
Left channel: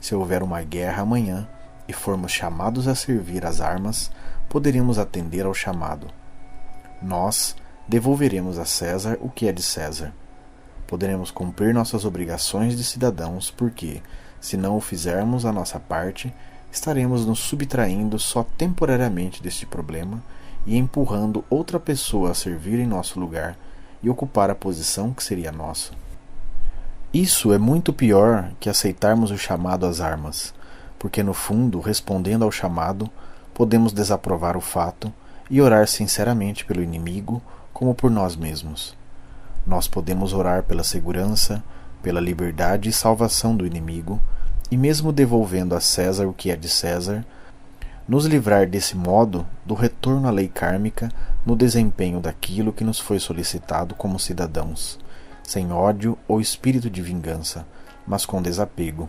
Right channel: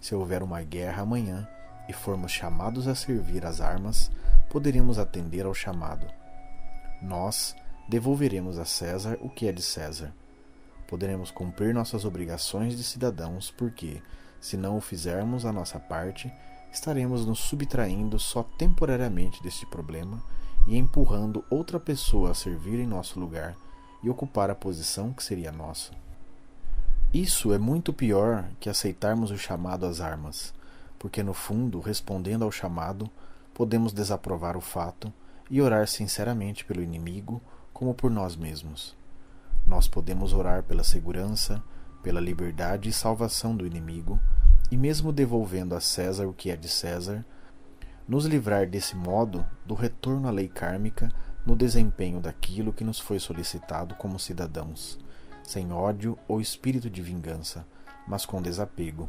Se houver uma guerra amanhã e formos chamados a servir as armas, poderemos atender ao chamado. Nós devolveremos a César o que é de César. Poderemos cumprir nossas obrigações de cidadãos porque, se não o fizermos a nossa parte, estaremos nos subtraindo só temporariamente deste problema e empurrando outra pessoa a servir em nosso lugar e ocupar a posição que seria nossa. Isso é muito pior que aceitarmos o chamado às armas, porque no fundo, respondendo ao chamado, podemos desaprovar o fato e orar sinceramente pelo inimigo como por nós mesmos. Nós podemos orar pela segurança, pela liberdade e salvação do inimigo, e mesmo devolvendo a César o que é de César, nos livrar desse modo do retorno à lei kármica no desempenho daquilo que nos foi solicitado como cidadãos, sem ódio ou espírito de vingança, mas com desapego.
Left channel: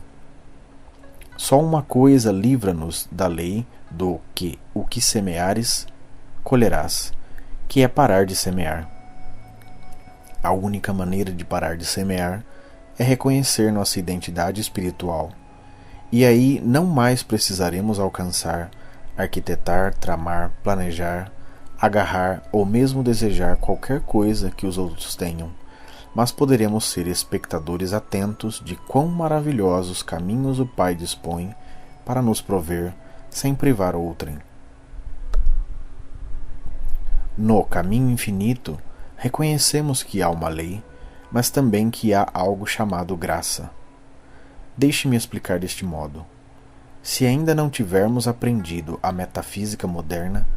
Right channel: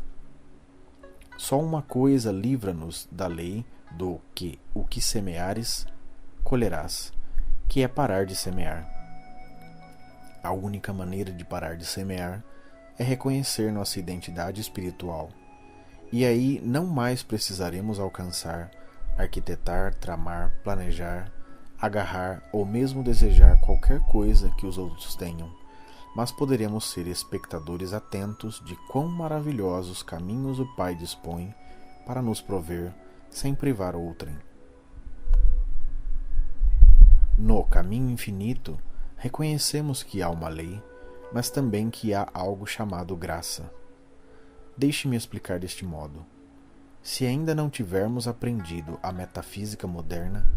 Só uma coisa livra-nos da lei do que o que semeares, colherás, que é parar de semear. A única maneira de parar de semear é reconhecer nossa identidade espiritual. E aí não mais precisaremos alcançar, arquitetar, tramar, planejar, agarrar ou mesmo desejar qualquer coisa que os outros tenham, mas poderemos ser espectadores atentos de quão maravilhosos caminhos o Pai dispõe para nos prover, sem privar outrem. No caminho infinito, reconhecemos que há uma lei, mas também que há algo chamado graça. Deixe-me explicar deste modo. Se ainda não tivermos aprendido a metafísica moderna,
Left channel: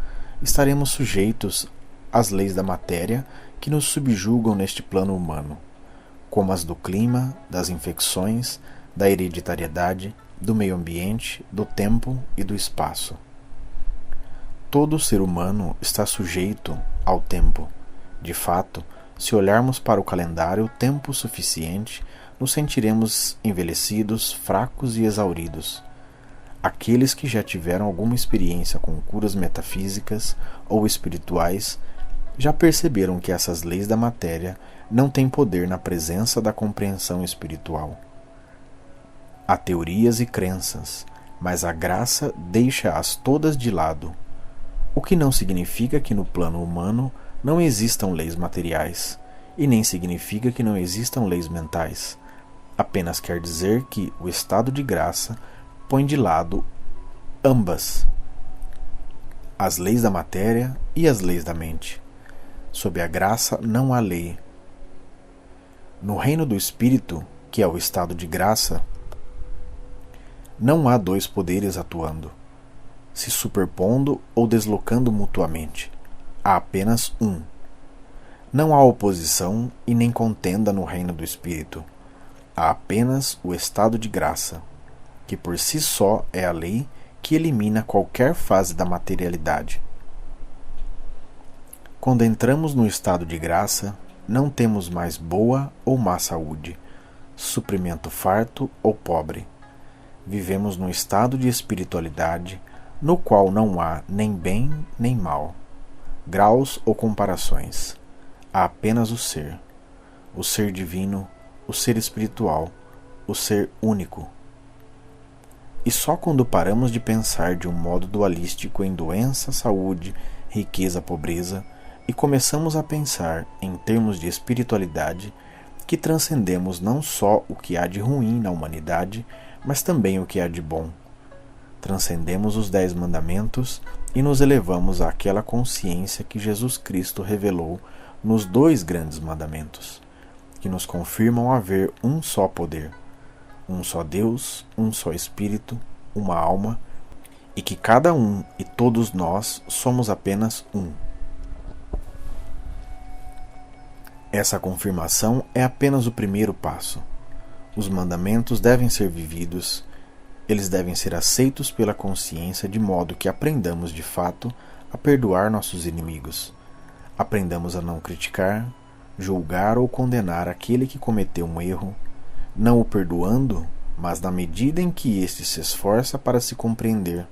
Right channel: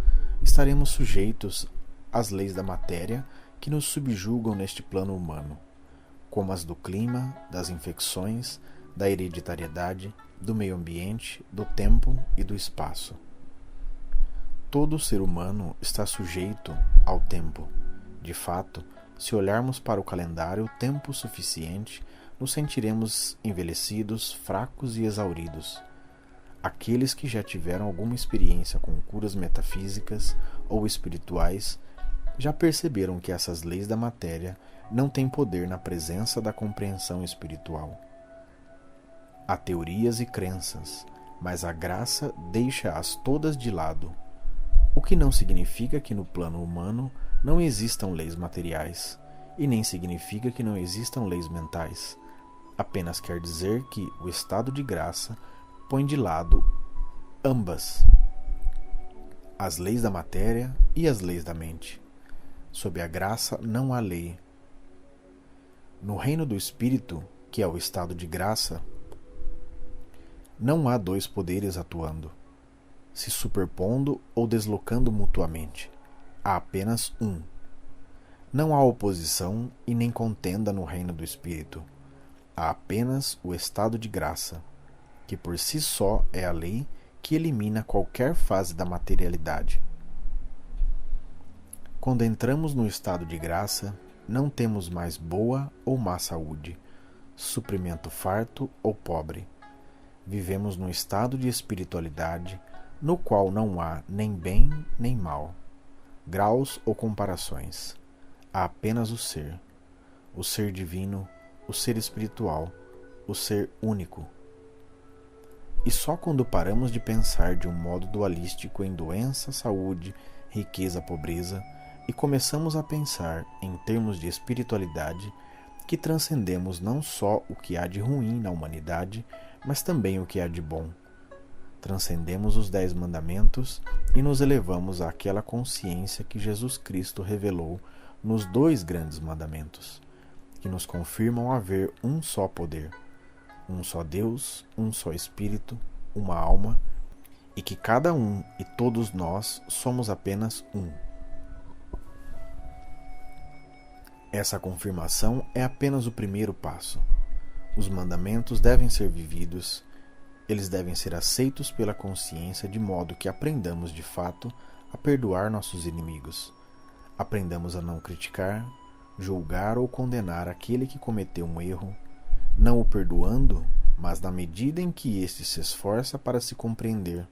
estaremos sujeitos às leis da matéria que nos subjugam neste plano humano, como as do clima, das infecções, da hereditariedade, do meio ambiente, do tempo e do espaço. Todo ser humano está sujeito ao tempo. De fato, se olharmos para o calendário tempo suficiente, nos sentiremos envelhecidos, fracos e exauridos. Aqueles que já tiveram alguma experiência com curas metafísicas ou espirituais já perceberam que essas leis da matéria não têm poder na presença da compreensão espiritual. Há teorias e crenças, mas a graça deixa-as todas de lado, o que não significa que no plano humano não existam leis materiais, e nem significa que não existam leis mentais. Apenas quer dizer que o estado de graça põe de lado ambas, as leis da matéria e as leis da mente. Sob a graça não há lei. No reino do Espírito, que é o estado de graça, não há dois poderes atuando, se superpondo ou deslocando mutuamente. Há apenas um. Não há oposição e nem contenda no reino do Espírito. Há apenas o estado de graça, que por si só é a lei que elimina qualquer fase da materialidade. Quando entramos no estado de graça, não temos mais boa ou má saúde, suprimento farto ou pobre. Vivemos num estado de espiritualidade no qual não há nem bem nem mal, graus ou comparações. Há apenas o ser divino, o ser espiritual, o ser único. E só quando paramos de pensar de um modo dualístico em doença, saúde, riqueza, pobreza, e começamos a pensar em termos de espiritualidade, que transcendemos não só o que há de ruim na humanidade, mas também o que há de bom. Transcendemos os 10 mandamentos e nos elevamos àquela consciência que Jesus Cristo revelou nos 2 grandes mandamentos, que nos confirmam haver um só poder, um só Deus, um só Espírito, uma alma, e que cada um e todos nós somos apenas um. Essa confirmação é apenas o primeiro passo. Os mandamentos devem ser vividos, eles devem ser aceitos pela consciência de modo que aprendamos de fato a perdoar nossos inimigos. Aprendamos a não criticar, julgar ou condenar aquele que cometeu um erro, não o perdoando, mas na medida em que este se esforça para se compreender,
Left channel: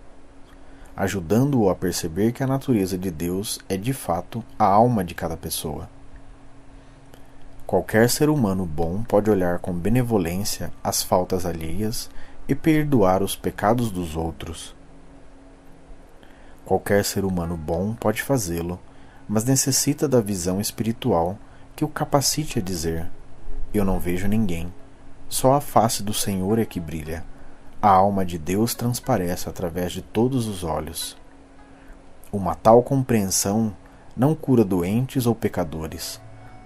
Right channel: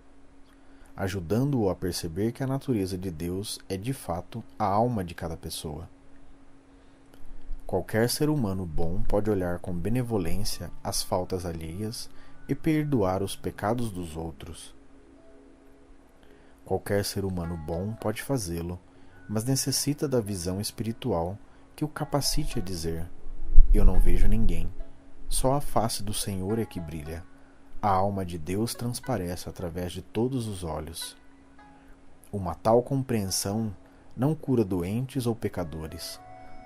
ajudando-o a perceber que a natureza de Deus é de fato a alma de cada pessoa. Qualquer ser humano bom pode olhar com benevolência as faltas alheias e perdoar os pecados dos outros. Qualquer ser humano bom pode fazê-lo, mas necessita da visão espiritual que o capacite a dizer: eu não vejo ninguém, só a face do Senhor é que brilha, a alma de Deus transparece através de todos os olhos. Uma tal compreensão não cura doentes ou pecadores,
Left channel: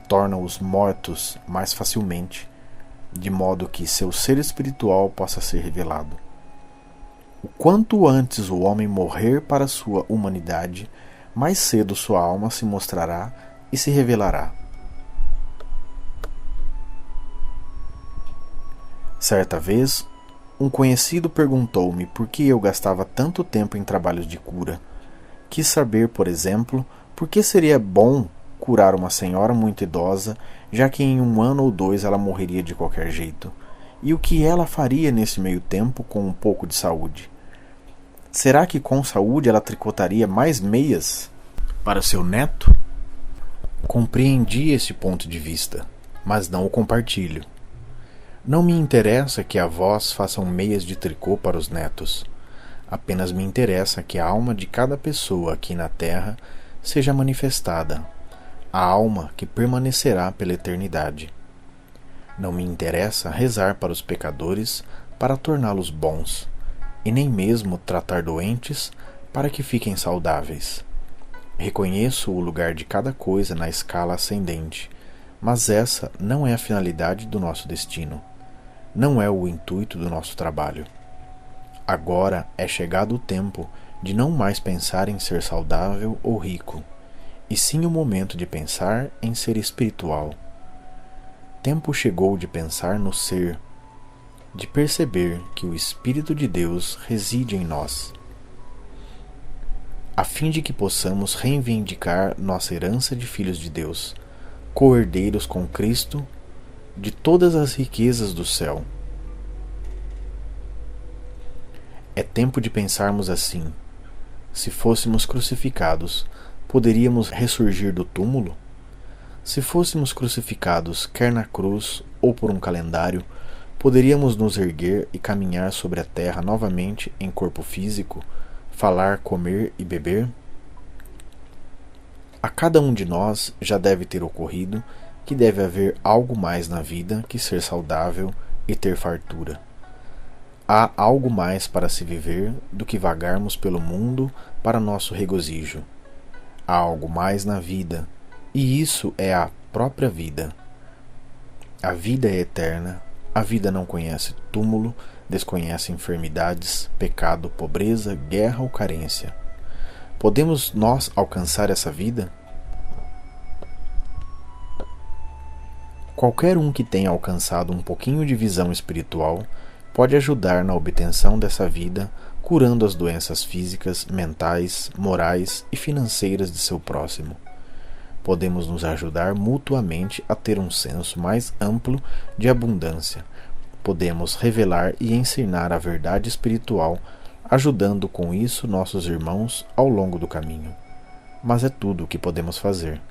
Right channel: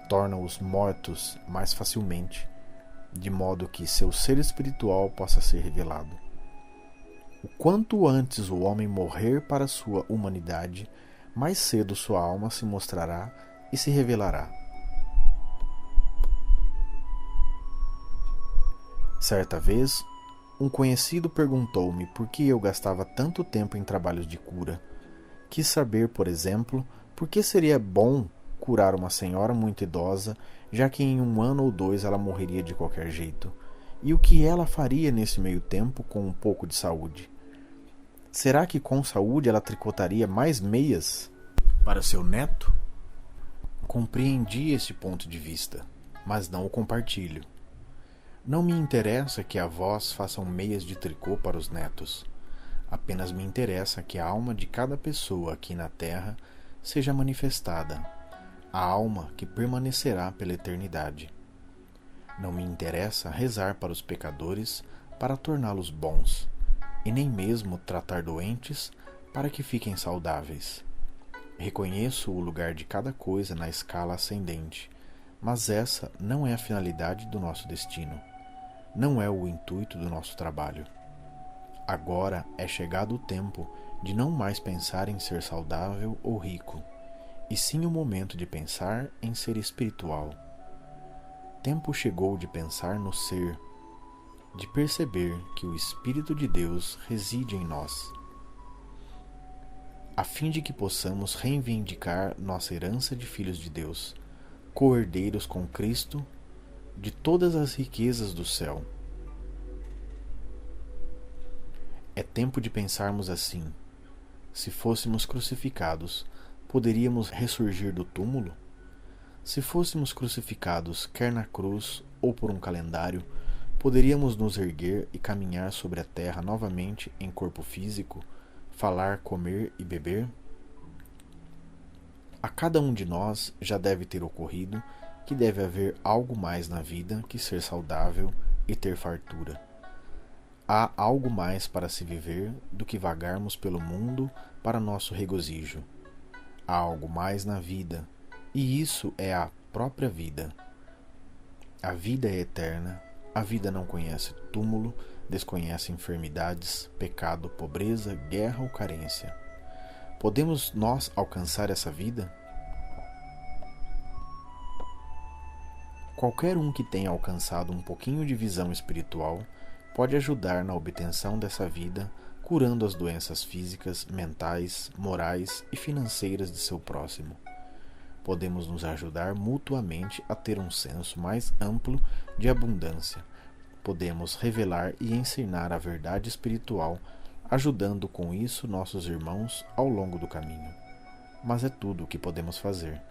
torna-os mortos mais facilmente, de modo que seu ser espiritual possa ser revelado. O quanto antes o homem morrer para sua humanidade, mais cedo sua alma se mostrará e se revelará. Certa vez, um conhecido perguntou-me por que eu gastava tanto tempo em trabalhos de cura. Quis saber, por exemplo, por que seria bom curar uma senhora muito idosa, já que em 1 ano ou 2 ela morreria de qualquer jeito, e o que ela faria nesse meio tempo com um pouco de saúde. Será que com saúde ela tricotaria mais meias para seu neto? Compreendi esse ponto de vista, mas não o compartilho. Não me interessa que avós façam meias de tricô para os netos. Apenas me interessa que a alma de cada pessoa aqui na Terra seja manifestada, a alma que permanecerá pela eternidade. Não me interessa rezar para os pecadores para torná-los bons, e nem mesmo tratar doentes para que fiquem saudáveis. Reconheço o lugar de cada coisa na escala ascendente, mas essa não é a finalidade do nosso destino. Não é o intuito do nosso trabalho. Agora é chegado o tempo de não mais pensar em ser saudável ou rico, e sim o momento de pensar em ser espiritual. Tempo chegou de pensar no ser, de perceber que o Espírito de Deus reside em nós, a fim de que possamos reivindicar nossa herança de filhos de Deus, co-herdeiros com Cristo de todas as riquezas do céu. É tempo de pensarmos assim: se fôssemos crucificados, poderíamos ressurgir do túmulo? Se fôssemos crucificados, quer na cruz ou por um calendário, poderíamos nos erguer e caminhar sobre a terra novamente em corpo físico, falar, comer e beber? A cada um de nós já deve ter ocorrido que deve haver algo mais na vida que ser saudável e ter fartura. Há algo mais para se viver do que vagarmos pelo mundo para nosso regozijo. Há algo mais na vida, e isso é a própria vida. A vida é eterna, a vida não conhece túmulo, desconhece enfermidades, pecado, pobreza, guerra ou carência. Podemos nós alcançar essa vida? Qualquer um que tenha alcançado um pouquinho de visão espiritual pode ajudar na obtenção dessa vida, curando as doenças físicas, mentais, morais e financeiras de seu próximo. Podemos nos ajudar mutuamente a ter um senso mais amplo de abundância. Podemos revelar e ensinar a verdade espiritual, ajudando com isso nossos irmãos ao longo do caminho. Mas é tudo o que podemos fazer.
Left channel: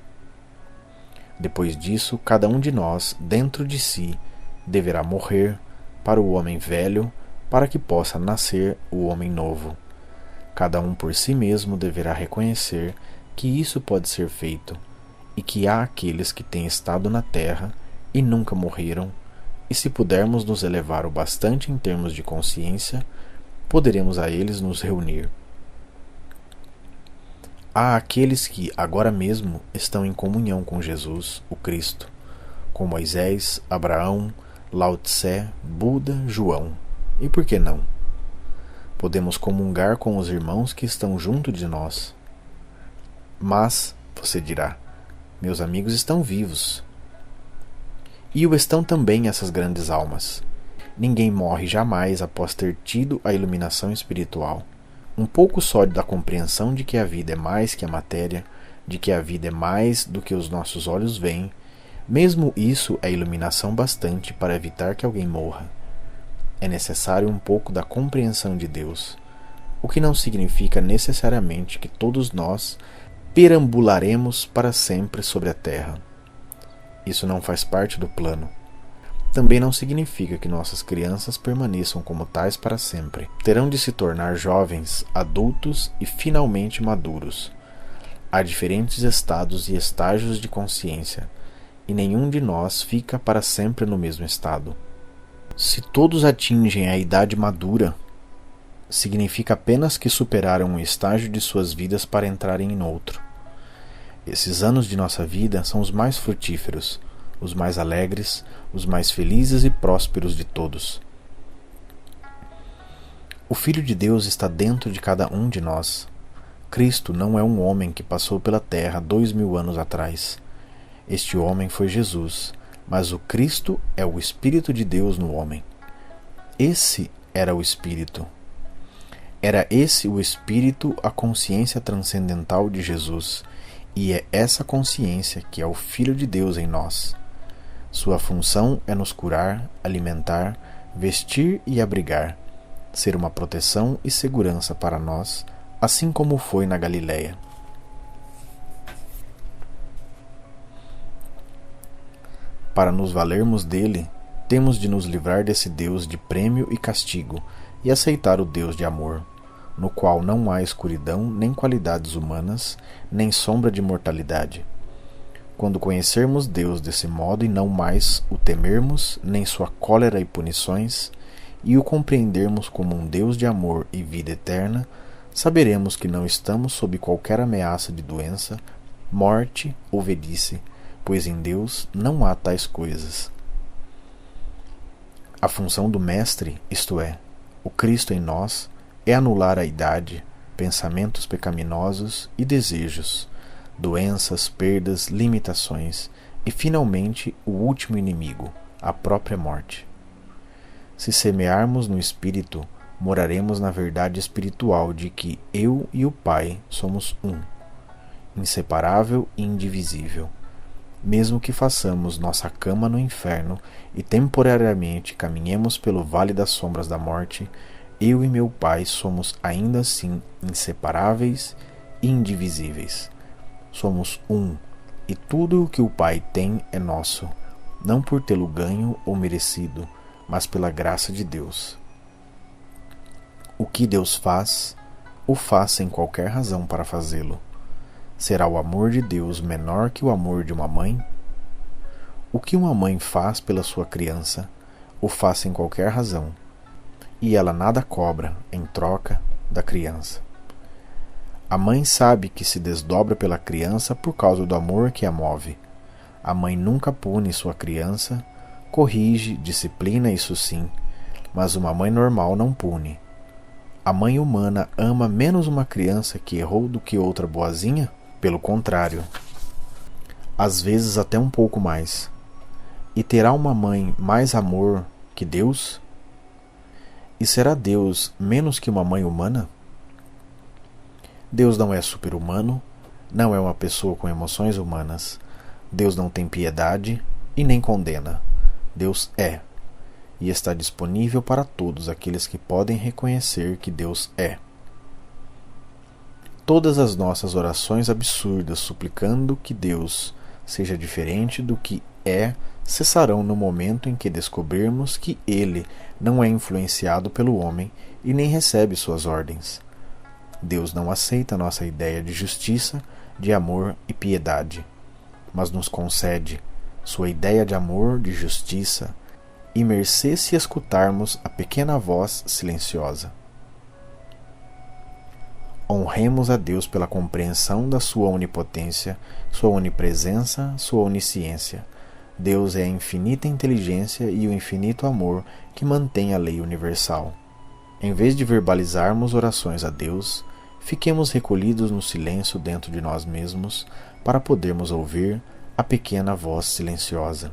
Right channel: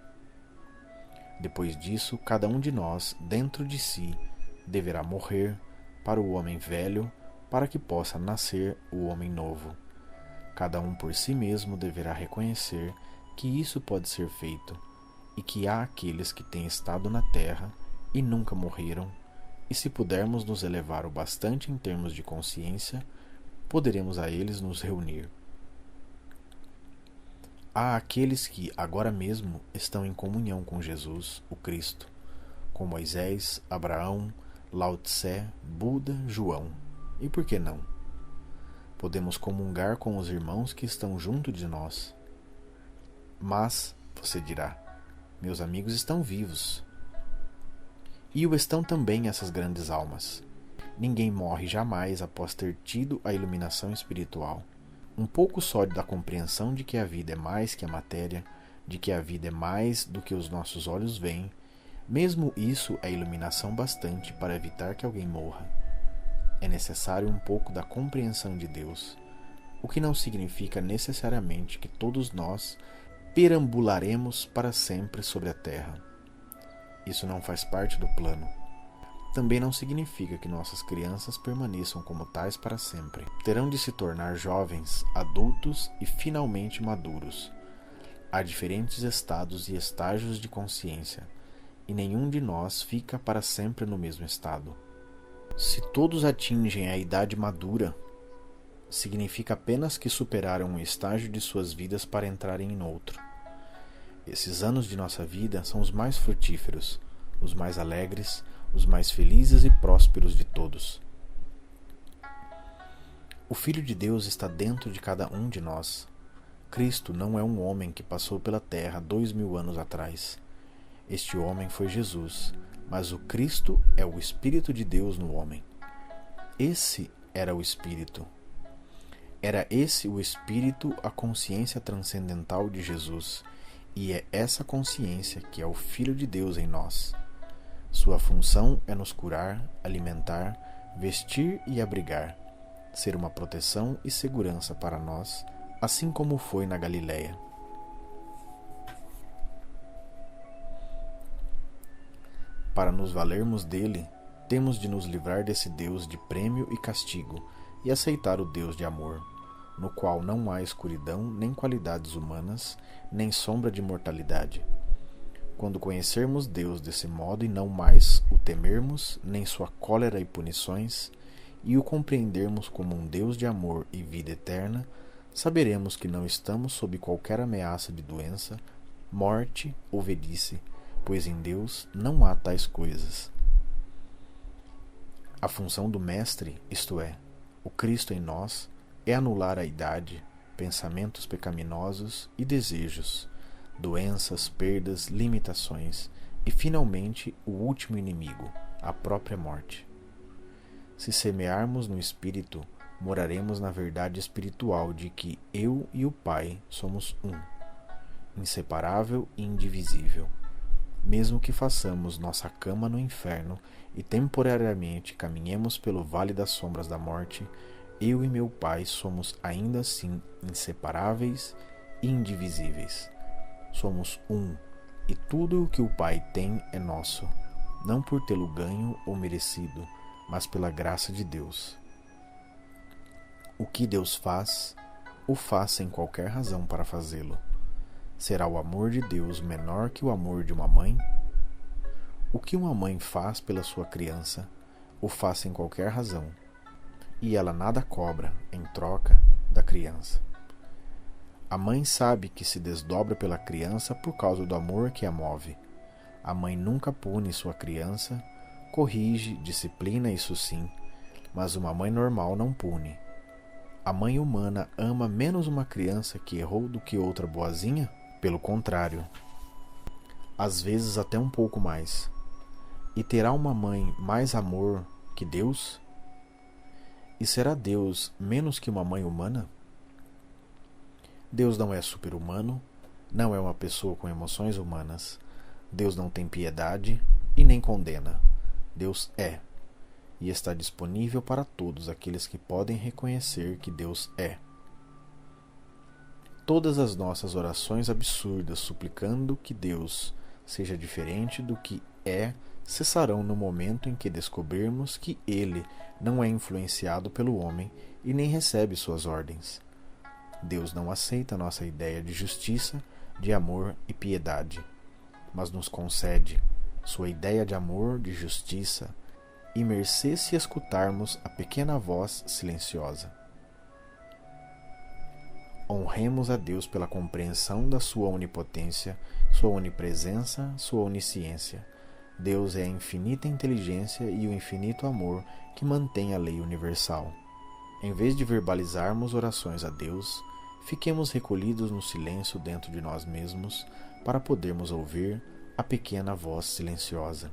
Depois disso, cada um de nós, dentro de si, deverá morrer para o homem velho, para que possa nascer o homem novo. Cada um por si mesmo deverá reconhecer que isso pode ser feito, e que há aqueles que têm estado na terra e nunca morreram, e se pudermos nos elevar o bastante em termos de consciência, poderemos a eles nos reunir. Há aqueles que agora mesmo estão em comunhão com Jesus, o Cristo, com Moisés, Abraão, Lao Tse, Buda, João. E por que não? Podemos comungar com os irmãos que estão junto de nós. Mas, você dirá, meus amigos estão vivos. E o estão também essas grandes almas. Ninguém morre jamais após ter tido a iluminação espiritual. Um pouco só da compreensão de que a vida é mais que a matéria, de que a vida é mais do que os nossos olhos veem, mesmo isso é iluminação bastante para evitar que alguém morra. É necessário um pouco da compreensão de Deus, o que não significa necessariamente que todos nós perambularemos para sempre sobre a terra. Isso não faz parte do plano. Também não significa que nossas crianças permaneçam como tais para sempre. Terão de se tornar jovens, adultos e finalmente maduros. Há diferentes estados e estágios de consciência, e nenhum de nós fica para sempre no mesmo estado. Se todos atingem a idade madura, significa apenas que superaram um estágio de suas vidas para entrarem em outro. Esses anos de nossa vida são os mais frutíferos, os mais alegres, os mais felizes e prósperos de todos. O Filho de Deus está dentro de cada um de nós. Cristo não é um homem que passou pela terra 2000 anos atrás. Este homem foi Jesus, mas o Cristo é o Espírito de Deus no homem. esse era o Espírito. Era esse o Espírito, a consciência transcendental de Jesus, e é essa consciência que é o Filho de Deus em nós. Sua função é nos curar, alimentar, vestir e abrigar, ser uma proteção e segurança para nós, assim como foi na Galileia. Para nos valermos dele, temos de nos livrar desse Deus de prêmio e castigo e aceitar o Deus de amor, no qual não há escuridão, nem qualidades humanas, nem sombra de mortalidade. Quando conhecermos Deus desse modo e não mais o temermos, nem sua cólera e punições, e o compreendermos como um Deus de amor e vida eterna, saberemos que não estamos sob qualquer ameaça de doença, morte ou velhice, pois em Deus não há tais coisas. A função do Mestre, isto é, o Cristo em nós, é anular a idade, pensamentos pecaminosos e desejos, doenças, perdas, limitações e, finalmente, o último inimigo, a própria morte. Se semearmos no Espírito, moraremos na verdade espiritual de que eu e o Pai somos um, inseparável e indivisível. Mesmo que façamos nossa cama no inferno e temporariamente caminhemos pelo vale das sombras da morte, eu e meu Pai somos ainda assim inseparáveis e indivisíveis. Somos um, e tudo o que o Pai tem é nosso, não por tê-lo ganho ou merecido, mas pela graça de Deus. O que Deus faz, o faz sem qualquer razão para fazê-lo. Será o amor de Deus menor que o amor de uma mãe? O que uma mãe faz pela sua criança, o faz sem qualquer razão, e ela nada cobra em troca da criança. A mãe sabe que se desdobra pela criança por causa do amor que a move. A mãe nunca pune sua criança, corrige, disciplina, isso sim, mas uma mãe normal não pune. A mãe humana ama menos uma criança que errou do que outra boazinha? Pelo contrário, às vezes até um pouco mais. E terá uma mãe mais amor que Deus? E será Deus menos que uma mãe humana? Deus não é super-humano, não é uma pessoa com emoções humanas. Deus não tem piedade e nem condena. Deus é, e está disponível para todos aqueles que podem reconhecer que Deus é. Todas as nossas orações absurdas suplicando que Deus seja diferente do que é cessarão no momento em que descobrirmos que Ele não é influenciado pelo homem e nem recebe suas ordens. Deus não aceita nossa ideia de justiça, de amor e piedade, mas nos concede sua ideia de amor, de justiça e mercê se escutarmos a pequena voz silenciosa. Honremos a Deus pela compreensão da sua onipotência, sua onipresença, sua onisciência. Deus é a infinita inteligência e o infinito amor que mantém a lei universal. Em vez de verbalizarmos orações a Deus, fiquemos recolhidos no silêncio dentro de nós mesmos para podermos ouvir a pequena voz silenciosa.